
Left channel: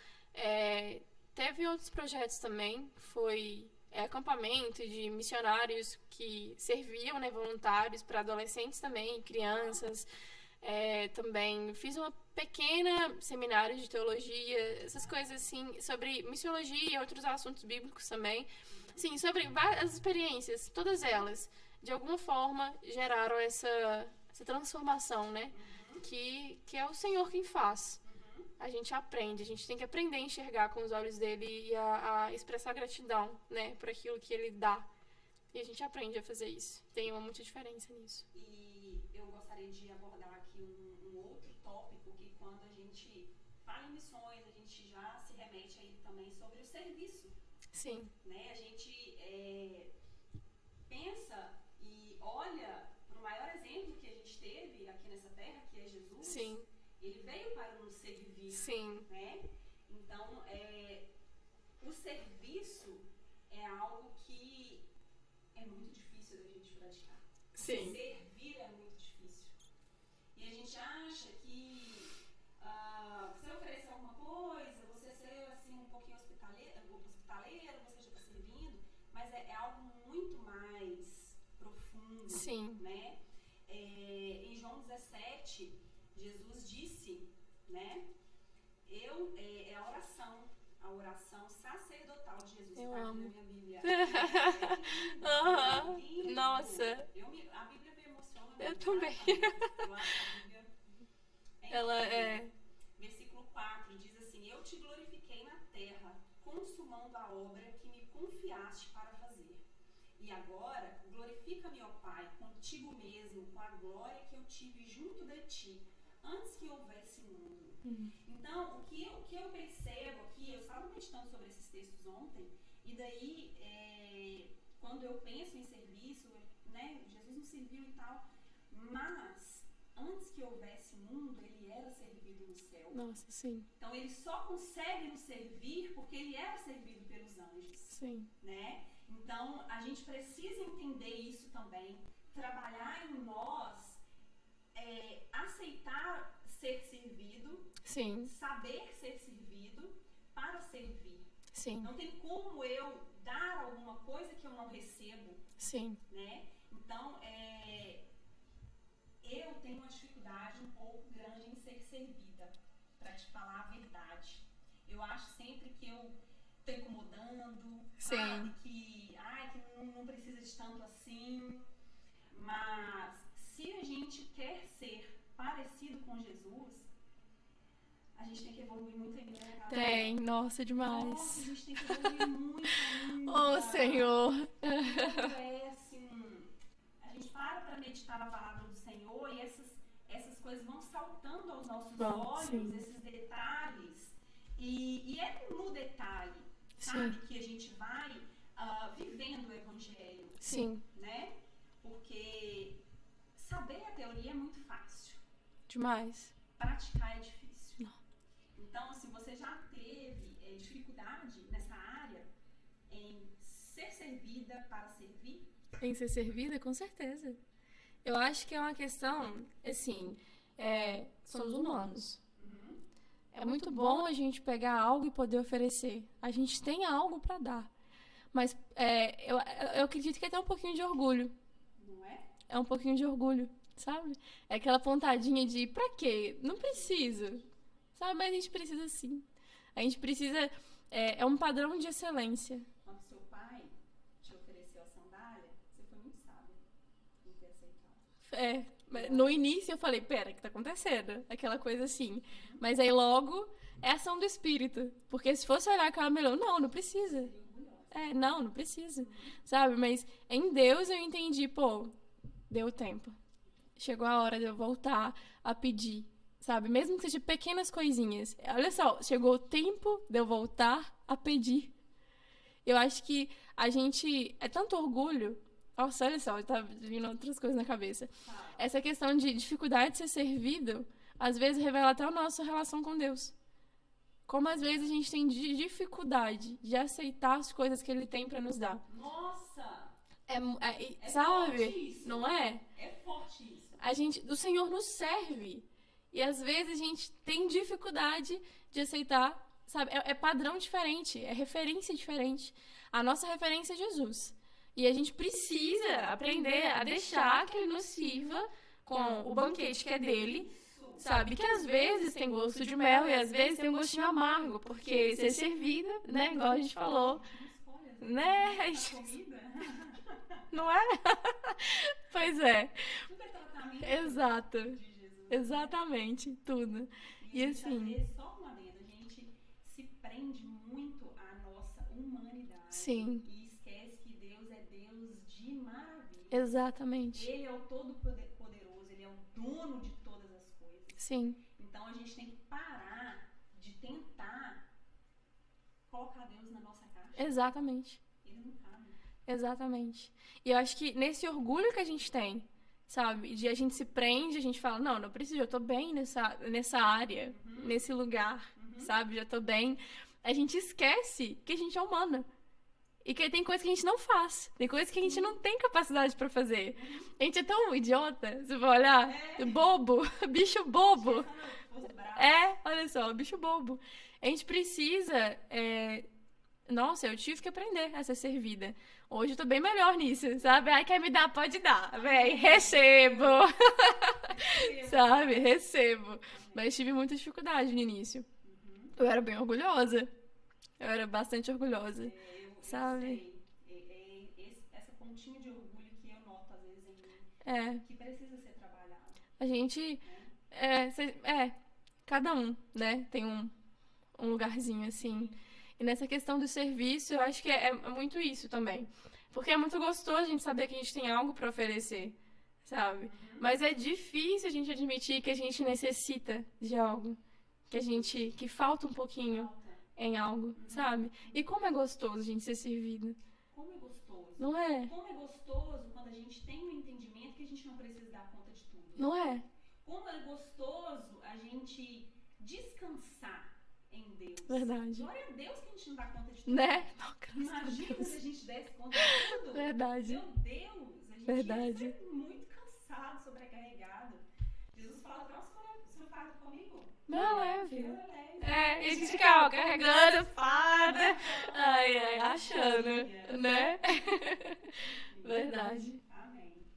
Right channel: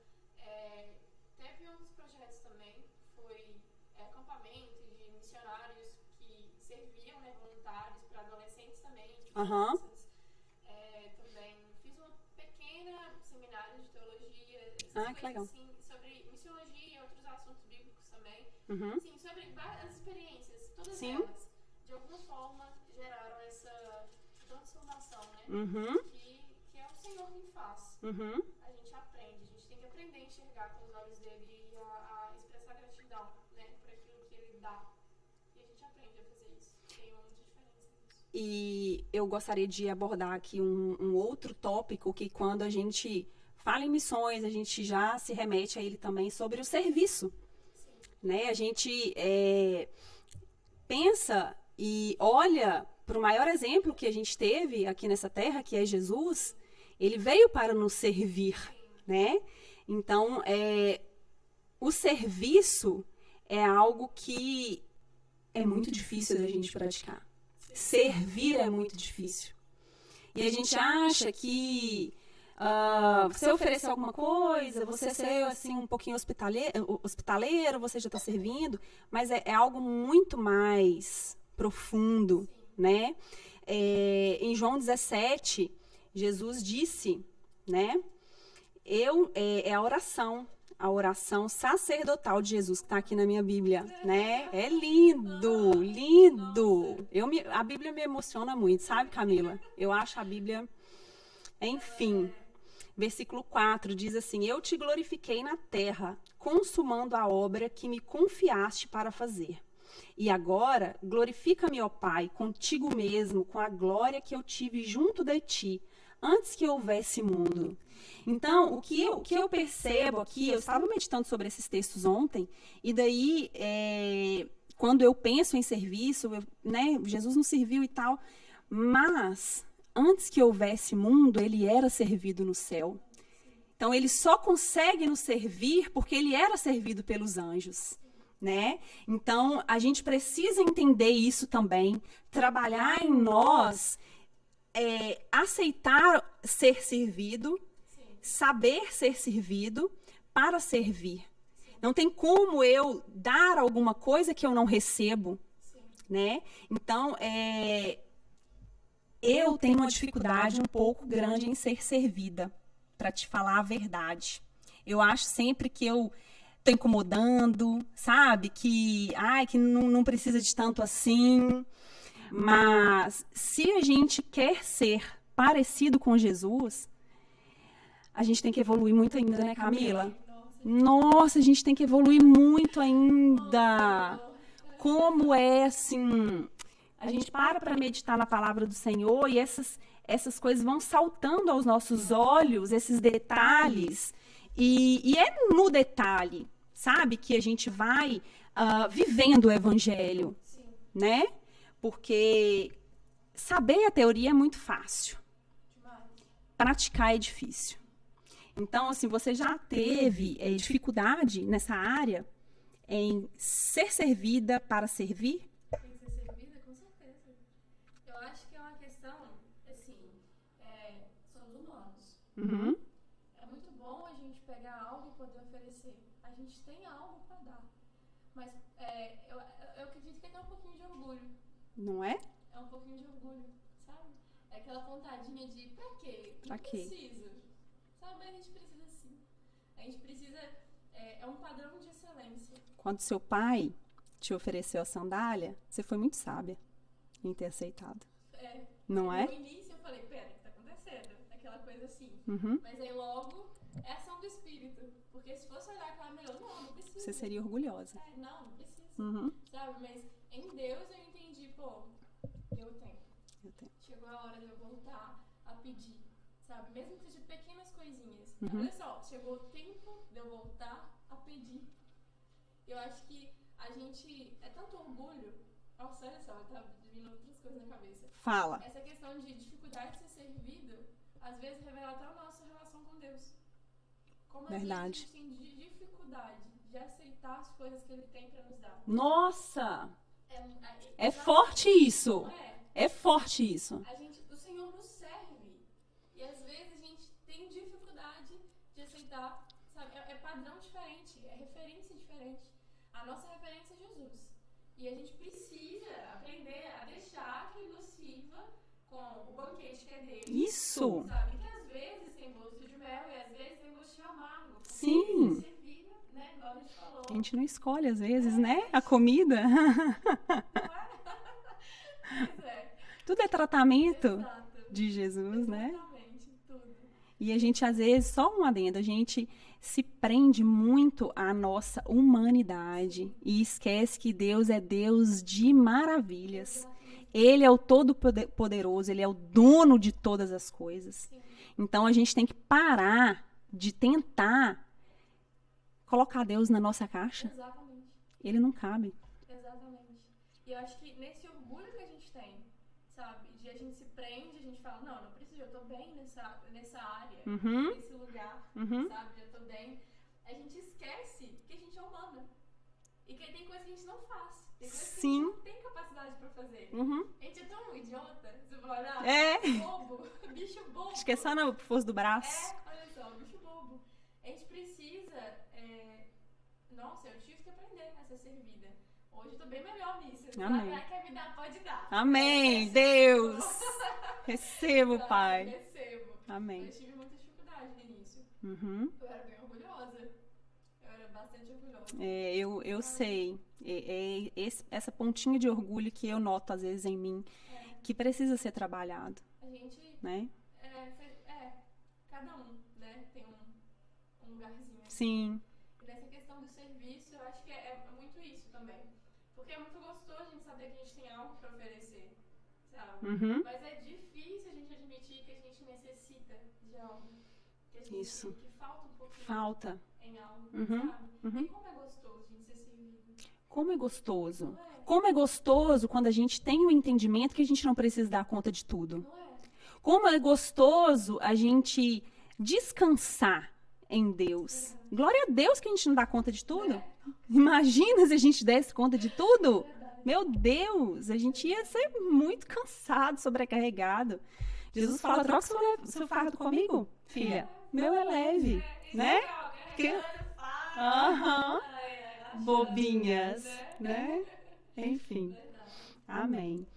teve outros projetos também, foi acampamento de missionários que serviam, né, voluntários para adolescentes também, crianças. Também fiz uma pequena seminário de teologia, essas coisas assim, sobre missiologia e outros assuntos bíblicos também. Sim, sobre várias experiências, todas elas, de alguma forma, geraram essa transformação, né? Que é o Senhor quem faz. A gente aprende, a gente tem que aprender a enxergar com os olhos dele e a expressar gratidão, né, por aquilo que ele dá. E a gente aprende a fazer isso. Tem muita diferença nisso. E eu gostaria de abordar aqui um outro tópico que quando a gente fala em missões, a gente já se remete a ele também sobre o serviço. Sim. Né? A gente pensa e olha para o maior exemplo que a gente teve aqui nessa terra, que é Jesus. Sim. Ele veio para nos servir. Sim. Né? Então, o serviço é algo que é muito difícil da gente praticar. Sim. Servir é muito difícil. E a gente acha que você oferecer alguma coisa, você ser assim, um pouquinho hospitaleiro, você já está servindo, mas é algo muito mais profundo. Sim. Né? Em João 17, Jesus disse, né? É a oração sacerdotal de Jesus, que está aqui na minha Bíblia, né? É lindo, lindo. Nossa. A Bíblia me emociona muito, sabe, Camila? Eu acho a Bíblia... Enfim, versículo 4 diz assim: eu te glorifiquei na terra, consumando a obra que me confiaste para fazer. E agora, glorifica-me, ó Pai, contigo mesmo, com a glória que eu tive junto de ti, antes que houvesse mundo. Então, o que eu percebo aqui, eu estava meditando sobre esses textos ontem, e daí, quando eu penso em serviço, né, Jesus nos serviu e tal, mas antes que houvesse mundo, ele era servido no céu. Nossa, sim. Então, ele só consegue nos servir porque ele era servido pelos anjos. Sim. Né? Então, a gente precisa entender isso também, trabalhar em nós, aceitar ser servido, Sim. saber ser servido para servir. Sim. Não tem como eu dar alguma coisa que eu não recebo. Sim. Né? Então, eu tenho uma dificuldade um pouco grande em ser servida, para te falar a verdade. Eu acho sempre que eu tô incomodando, sabe? Que não precisa de tanto assim. Mas se a gente quer ser parecido com Jesus, a gente tem que evoluir muito ainda, né, Camila? Nossa, demais. Nossa, a gente tem que evoluir muito ainda. Oh, Senhor. Como assim... A gente para meditar na palavra do Senhor e essas coisas vão saltando aos nossos olhos, esses detalhes. E é no detalhe, sabe, que a gente vai vivendo o evangelho. Sim. Né? Porque saber a teoria é muito fácil. Demais. Praticar é difícil. Então, assim, você já teve dificuldade nessa área em ser servida para servir? Tem que ser servida, com certeza. Eu acho que é uma questão, assim, somos humanos. Uhum. É muito bom a gente pegar algo e poder oferecer. A gente tem algo para dar. Mas eu acredito que é até um pouquinho de orgulho. Não é? É um pouquinho de orgulho, sabe? É aquela pontadinha de, pra quê? Não precisa. Sabe? Mas a gente precisa sim. A gente precisa... É um padrão de excelência. Quando seu pai te ofereceu a sandália, você foi muito sábia em ter aceitado. No início eu falei, pera, o que tá acontecendo? Aquela coisa assim. Uhum. Mas aí logo é ação do espírito. Porque se fosse olhar aquela melhor, não precisa. Você seria orgulhosa. Não precisa. Uhum. Sabe? Mas em Deus eu entendi, deu tempo. Chegou a hora de eu voltar a pedir. Sabe? Mesmo que seja pequenas coisinhas. Uhum. Olha só, chegou o tempo de eu voltar a pedir. Eu acho que a gente... É tanto orgulho... Nossa, olha só, tá vindo outras coisas na cabeça. Fala. Essa questão de dificuldade de ser servido, às vezes revela até a nossa relação com Deus. Como às vezes a gente tem dificuldade de aceitar as coisas que Ele tem pra nos dar. Nossa! É sabe? forte isso. Não é? É forte isso. O Senhor nos serve. E às vezes a gente tem dificuldade de aceitar, sabe? É padrão diferente, é referência diferente. A nossa referência é Jesus. E a gente precisa aprender a deixar que Ele nos sirva com o banquete que é dele. Isso. Sabe? Que às vezes tem gosto de mel e às vezes tem um gostinho amargo. Porque ser servida, né? Igual a gente falou. A gente não escolhe às vezes, né? A comida. Não é? Pois é. Tudo é tratamento. Exato. De Jesus, Exatamente. Né? Tudo. E a gente, às vezes, só um adendo, a gente se prende muito à nossa humanidade. Sim. E esquece que Deus é Deus de maravilhas. Exatamente. Ele é o todo-poderoso, Ele é o dono de todas as coisas. Sim. Então, a gente tem que parar de tentar colocar Deus na nossa caixa. Exatamente. Ele não cabe. Exatamente. E eu acho que nesse orgulho que a gente tem, sabe? De a gente se prende, a gente fala, não preciso, eu tô bem nessa área, nesse lugar, sabe? Já tô bem. A gente esquece que a gente é humana. E que tem coisa que a gente não faz. Tem coisa que a gente não tem capacidade pra fazer. A gente é tão idiota, você vai olhar. Bobo, bicho bobo. Esqueça na força do braço. Olha só, bicho bobo. A gente precisa... Nossa, eu tive que aprender a ser servida. Hoje eu tô bem melhor nisso, sabe? Ai, quer me dar? Pode dar. Amém. Recebo. Recebo, sabe? Pai. Recebo. Amém. Mas tive muita dificuldade no início. Eu era bem orgulhosa. Eu era bastante orgulhosa. Eu sei. Essa pontinha de orgulho que eu noto, às vezes, em mim, que precisa ser trabalhado. A gente... Né? Cada um, né? Tem um lugarzinho, assim. Sim. E nessa questão do serviço, eu acho que é muito isso também. Porque é muito gostoso a gente saber que a gente tem algo pra oferecer, sabe? Mas é difícil a gente admitir que a gente necessita de algo. Que a gente... Que falta um pouquinho em algo, sabe? E como é gostoso a gente ser servido. Como é gostoso. Não é? Como é gostoso quando a gente tem o entendimento que a gente não precisa dar conta de tudo. Não é? Como é gostoso a gente descansar em Deus. Verdade. Glória a Deus que a gente não dá conta de tudo. Né? Imagina se a gente desse conta de tudo. Verdade. Meu Deus, a gente ia ser muito cansado, sobrecarregado. Jesus fala, troca seu fardo comigo. Meu é leve. E a gente fica carregando fardo. Achando. Bobinhas. Né? Enfim. Verdade. Amém.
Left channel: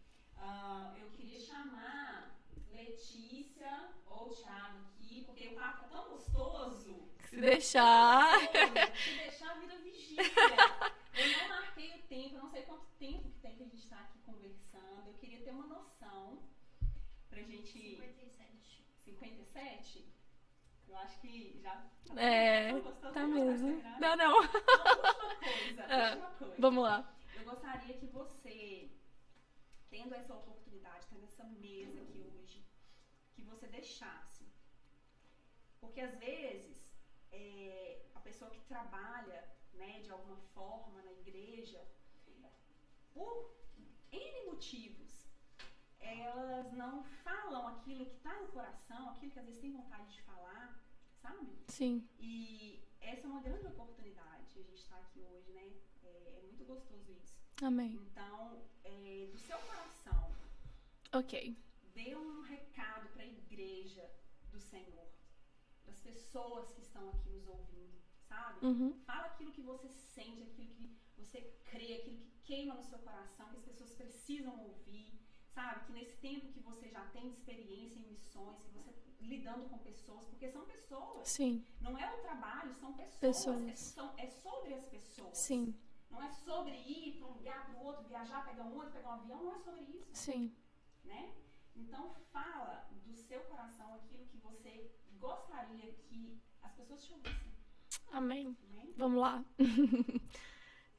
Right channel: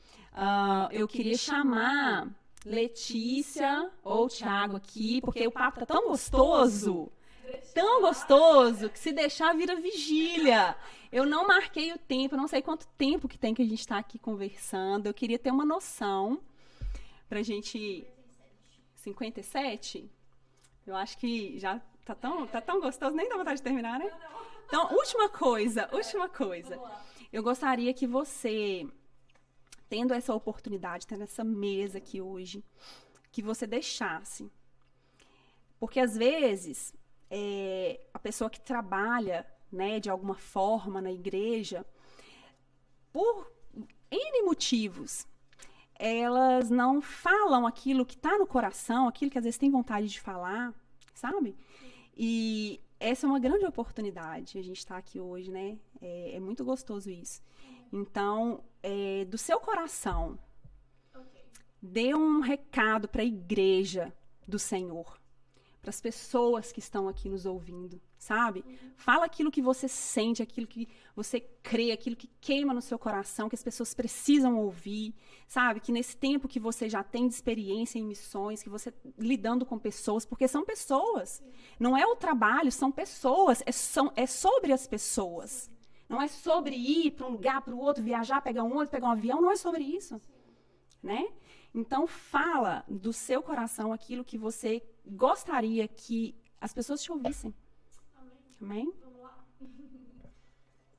Eu queria chamar Letícia ou Thiago aqui, porque o papo tá tão gostoso. Se deixar. Tão gostoso, que se deixar vira vigília. Eu não marquei o tempo, eu não sei quanto tempo que tem que a gente tá aqui conversando. Eu queria ter uma noção pra gente... 57? Eu acho que já tá tão gostoso, nem dá vontade de terminar, né? Não. Então, última coisa. Vamos lá. Eu gostaria que você... tendo essa oportunidade, tendo essa mesa aqui hoje, que você deixasse. Porque, às vezes, a pessoa que trabalha, né, de alguma forma na igreja, por N motivos, elas não falam aquilo que está no coração, aquilo que às vezes tem vontade de falar, sabe? Sim. E essa é uma grande oportunidade, a gente está aqui hoje, né? É muito gostoso isso. Amém. Então, do seu coração, dê um recado para a igreja do Senhor, para as pessoas que estão aqui nos ouvindo, sabe? Fala aquilo que você sente, aquilo que você crê, aquilo que queima no seu coração, que as pessoas precisam ouvir, sabe? Que nesse tempo que você já tem de experiência em missões, que você lidando com pessoas, porque são pessoas. Sim. Não é o trabalho, são pessoas. É sobre as pessoas. Sim. Não é sobre ir para um lugar, para o outro, viajar, pegar um outro, pegar um avião. Não é sobre isso. Sim. Né? Então, fala do seu coração aquilo que você gostaria que as pessoas te ouvissem. Amém. Amém? Vamos lá.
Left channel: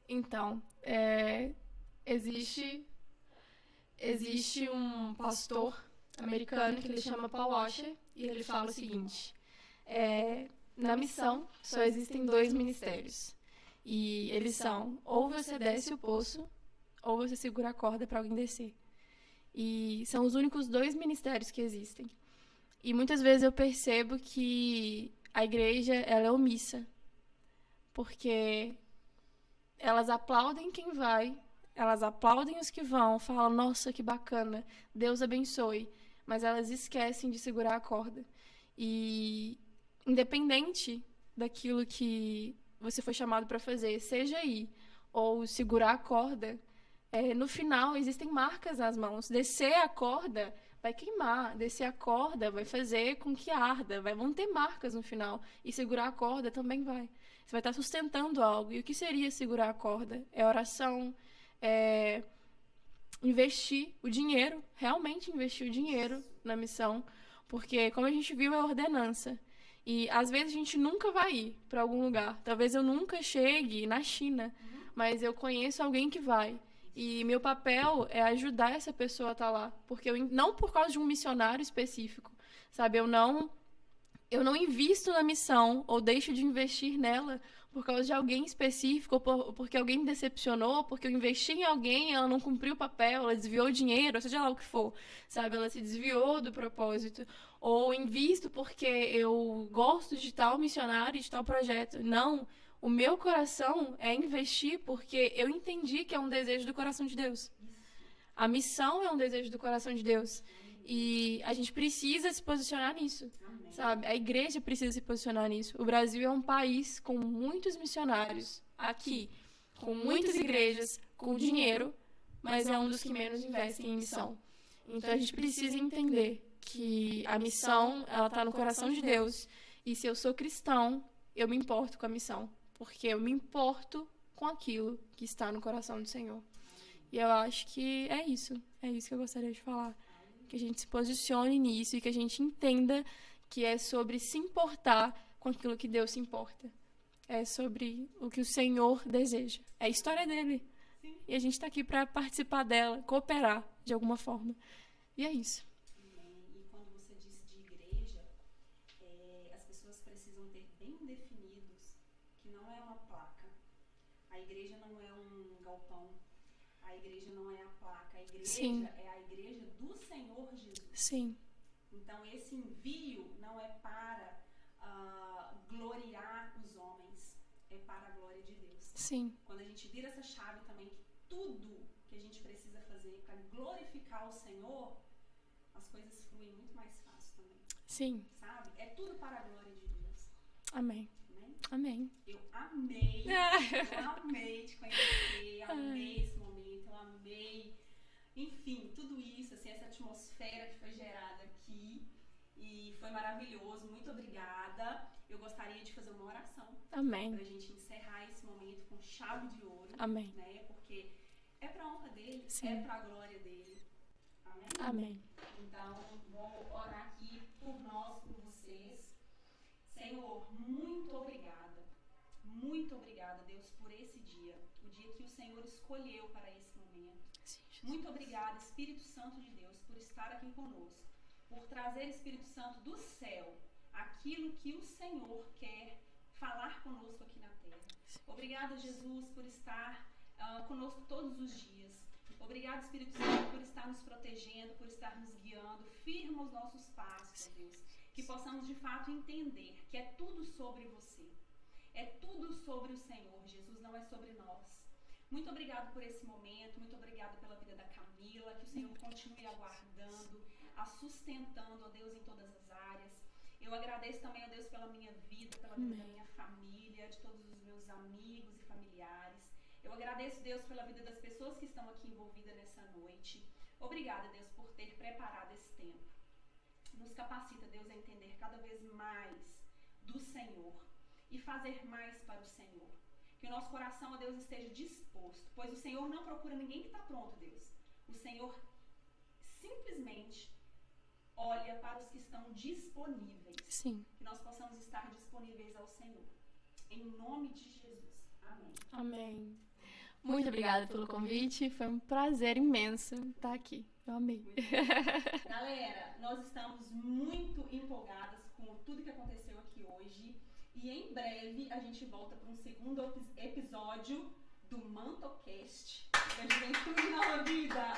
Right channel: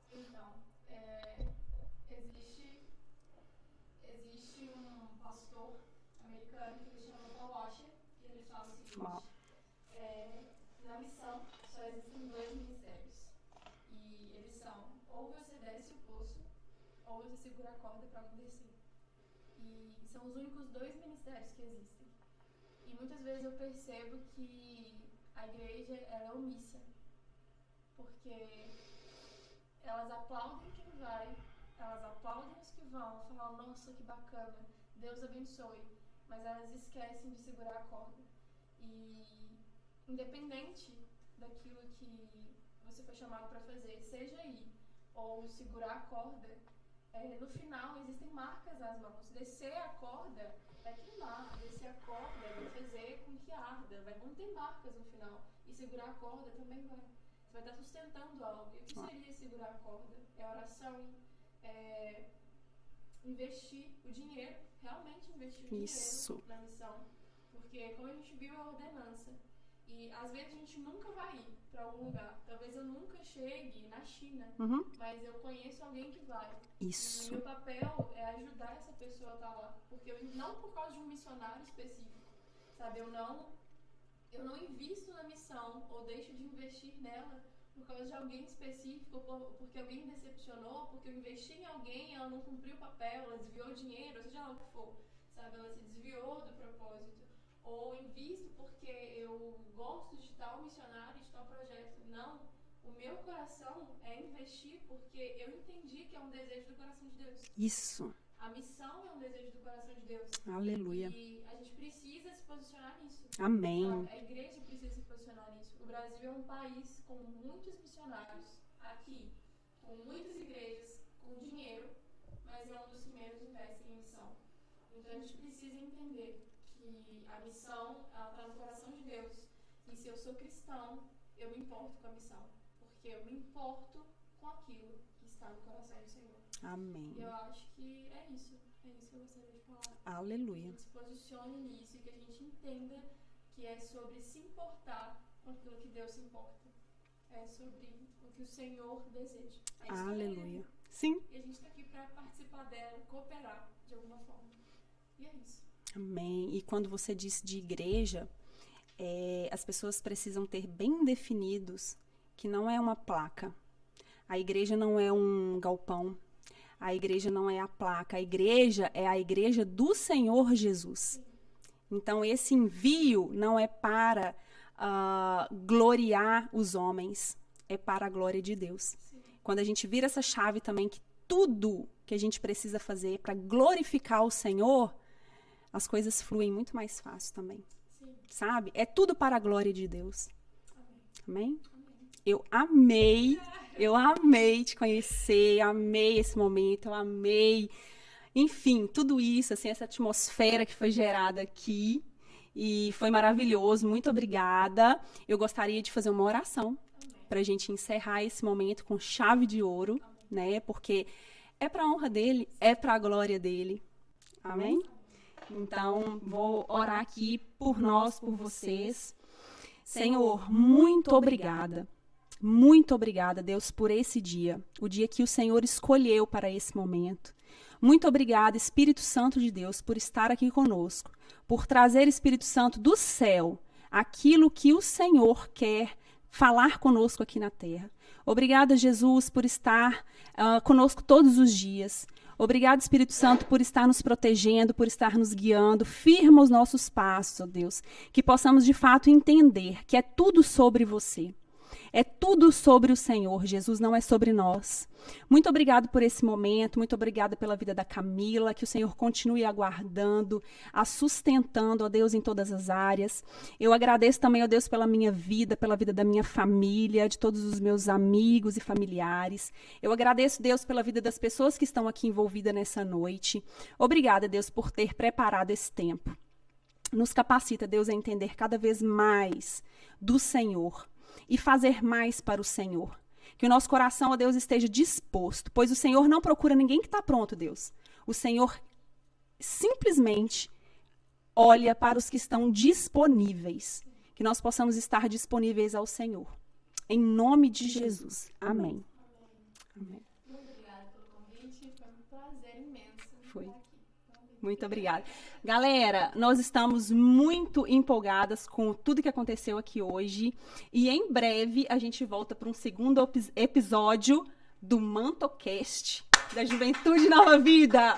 Então, existe um pastor americano que ele chama Paul Washer e ele fala o seguinte: na missão só existem 2 ministérios e eles são ou você desce o poço ou você segura a corda para alguém descer, e são os únicos 2 ministérios que existem. E muitas vezes eu percebo que a igreja, ela é omissa. Porque elas aplaudem quem vai, elas aplaudem os que vão, falam, nossa, que bacana, Deus abençoe. Mas elas esquecem de segurar a corda. E independente daquilo que você foi chamado para fazer, seja ir ou segurar a corda, no final existem marcas nas mãos. Descer a corda vai queimar, descer a corda vai fazer com que arda, vão ter marcas no final. E segurar a corda também vai. Você vai estar sustentando algo. E o que seria segurar a corda? É oração, é investir o dinheiro, realmente investir o dinheiro na missão. Porque, como a gente viu, é ordenança. E, às vezes, a gente nunca vai ir para algum lugar. Talvez eu nunca chegue na China, mas eu conheço alguém que vai. Isso. E meu papel é ajudar essa pessoa a estar lá. Porque não por causa de um missionário específico, sabe? Eu não invisto na missão ou deixo de investir nela por causa de alguém específico, ou porque alguém me decepcionou, porque eu investi em alguém, ela não cumpriu o papel, ela desviou o dinheiro, seja lá o que for, sabe? Ela se desviou do propósito. Ou invisto porque eu gosto de tal missionário, de tal projeto. Não, o meu coração é investir porque eu entendi que é um desejo do coração de Deus. Isso. A missão é um desejo do coração de Deus. Aleluia. E a gente precisa se posicionar nisso. Amém. Sabe? A igreja precisa se posicionar nisso. O Brasil é um país com muitos missionários aqui, com muitas igrejas, com dinheiro, mas é um dos que menos investem em missão. Então a gente precisa entender que a missão, ela está no coração de Deus. E se eu sou cristão, eu me importo com a missão. Porque eu me importo com aquilo que está no coração do Senhor. Amém. E eu acho que é isso. É isso que eu gostaria de falar. Aleluia. Que a gente se posicione nisso e que a gente entenda que é sobre se importar com aquilo que Deus se importa. É sobre o que o Senhor deseja. É a história dele. Sim. E a gente está aqui para participar dela, cooperar de alguma forma. E é isso. Amém. E quando você disse de igreja, as pessoas precisam ter bem definidos que não é uma placa. A igreja não é um galpão. A igreja não é a placa. A igreja é a igreja do Senhor Jesus. Sim. Então, esse envio não é para gloriar os homens. É para a glória de Deus. Sim. Quando a gente vira essa chave também, que tudo que a gente precisa fazer para glorificar o Senhor, as coisas fluem muito mais fácil também. Sim. Sabe? É tudo para a glória de Deus. Amém. Amém? Amém. Eu amei te conhecer, eu amei esse momento, eu amei, enfim, tudo isso, assim, essa atmosfera que foi gerada aqui, e foi maravilhoso, muito obrigada. Eu gostaria de fazer uma oração. Amém. Pra gente encerrar esse momento com chave de ouro. Amém. Né? Porque é pra honra dele, Sim. é pra glória dele. Amém? Amém. Então, vou orar aqui por nós, por vocês. Senhor, muito obrigada. Muito obrigada, Deus, por esse dia. O dia que o Senhor escolheu para esse momento. Muito obrigada, Espírito Santo de Deus, por estar aqui conosco. Por trazer, Espírito Santo, do céu, aquilo que o Senhor quer falar conosco aqui na terra. Obrigada, Jesus, por estar conosco todos os dias. Obrigado, Espírito Santo, por estar nos protegendo, por estar nos guiando. Firma os nossos passos, ó Deus. Que possamos, de fato, entender que é tudo sobre você. É tudo sobre o Senhor, Jesus, não é sobre nós. Muito obrigado por esse momento, muito obrigada pela vida da Camila, que o Senhor continue aguardando, a sustentando, ó Deus, em todas as áreas. Eu agradeço também, ó Deus, pela minha vida, pela vida da minha família, de todos os meus amigos e familiares. Eu agradeço, Deus, pela vida das pessoas que estão aqui envolvidas nessa noite. Obrigada, Deus, por ter preparado esse tempo. Nos capacita, Deus, a entender cada vez mais do Senhor e fazer mais para o Senhor. Que o nosso coração, ó Deus, esteja disposto, pois o Senhor não procura ninguém que está pronto, Deus. O Senhor simplesmente olha para os que estão disponíveis. Sim. Que nós possamos estar disponíveis ao Senhor. Em nome de Jesus. Amém. Amém. Muito obrigada pelo convite. Foi um prazer imenso estar aqui. Eu amei. Muito obrigada. Galera, nós estamos muito empolgadas com tudo que aconteceu aqui hoje. E em breve a gente volta para um segundo episódio do MantoCast da Juventude Nova Vida.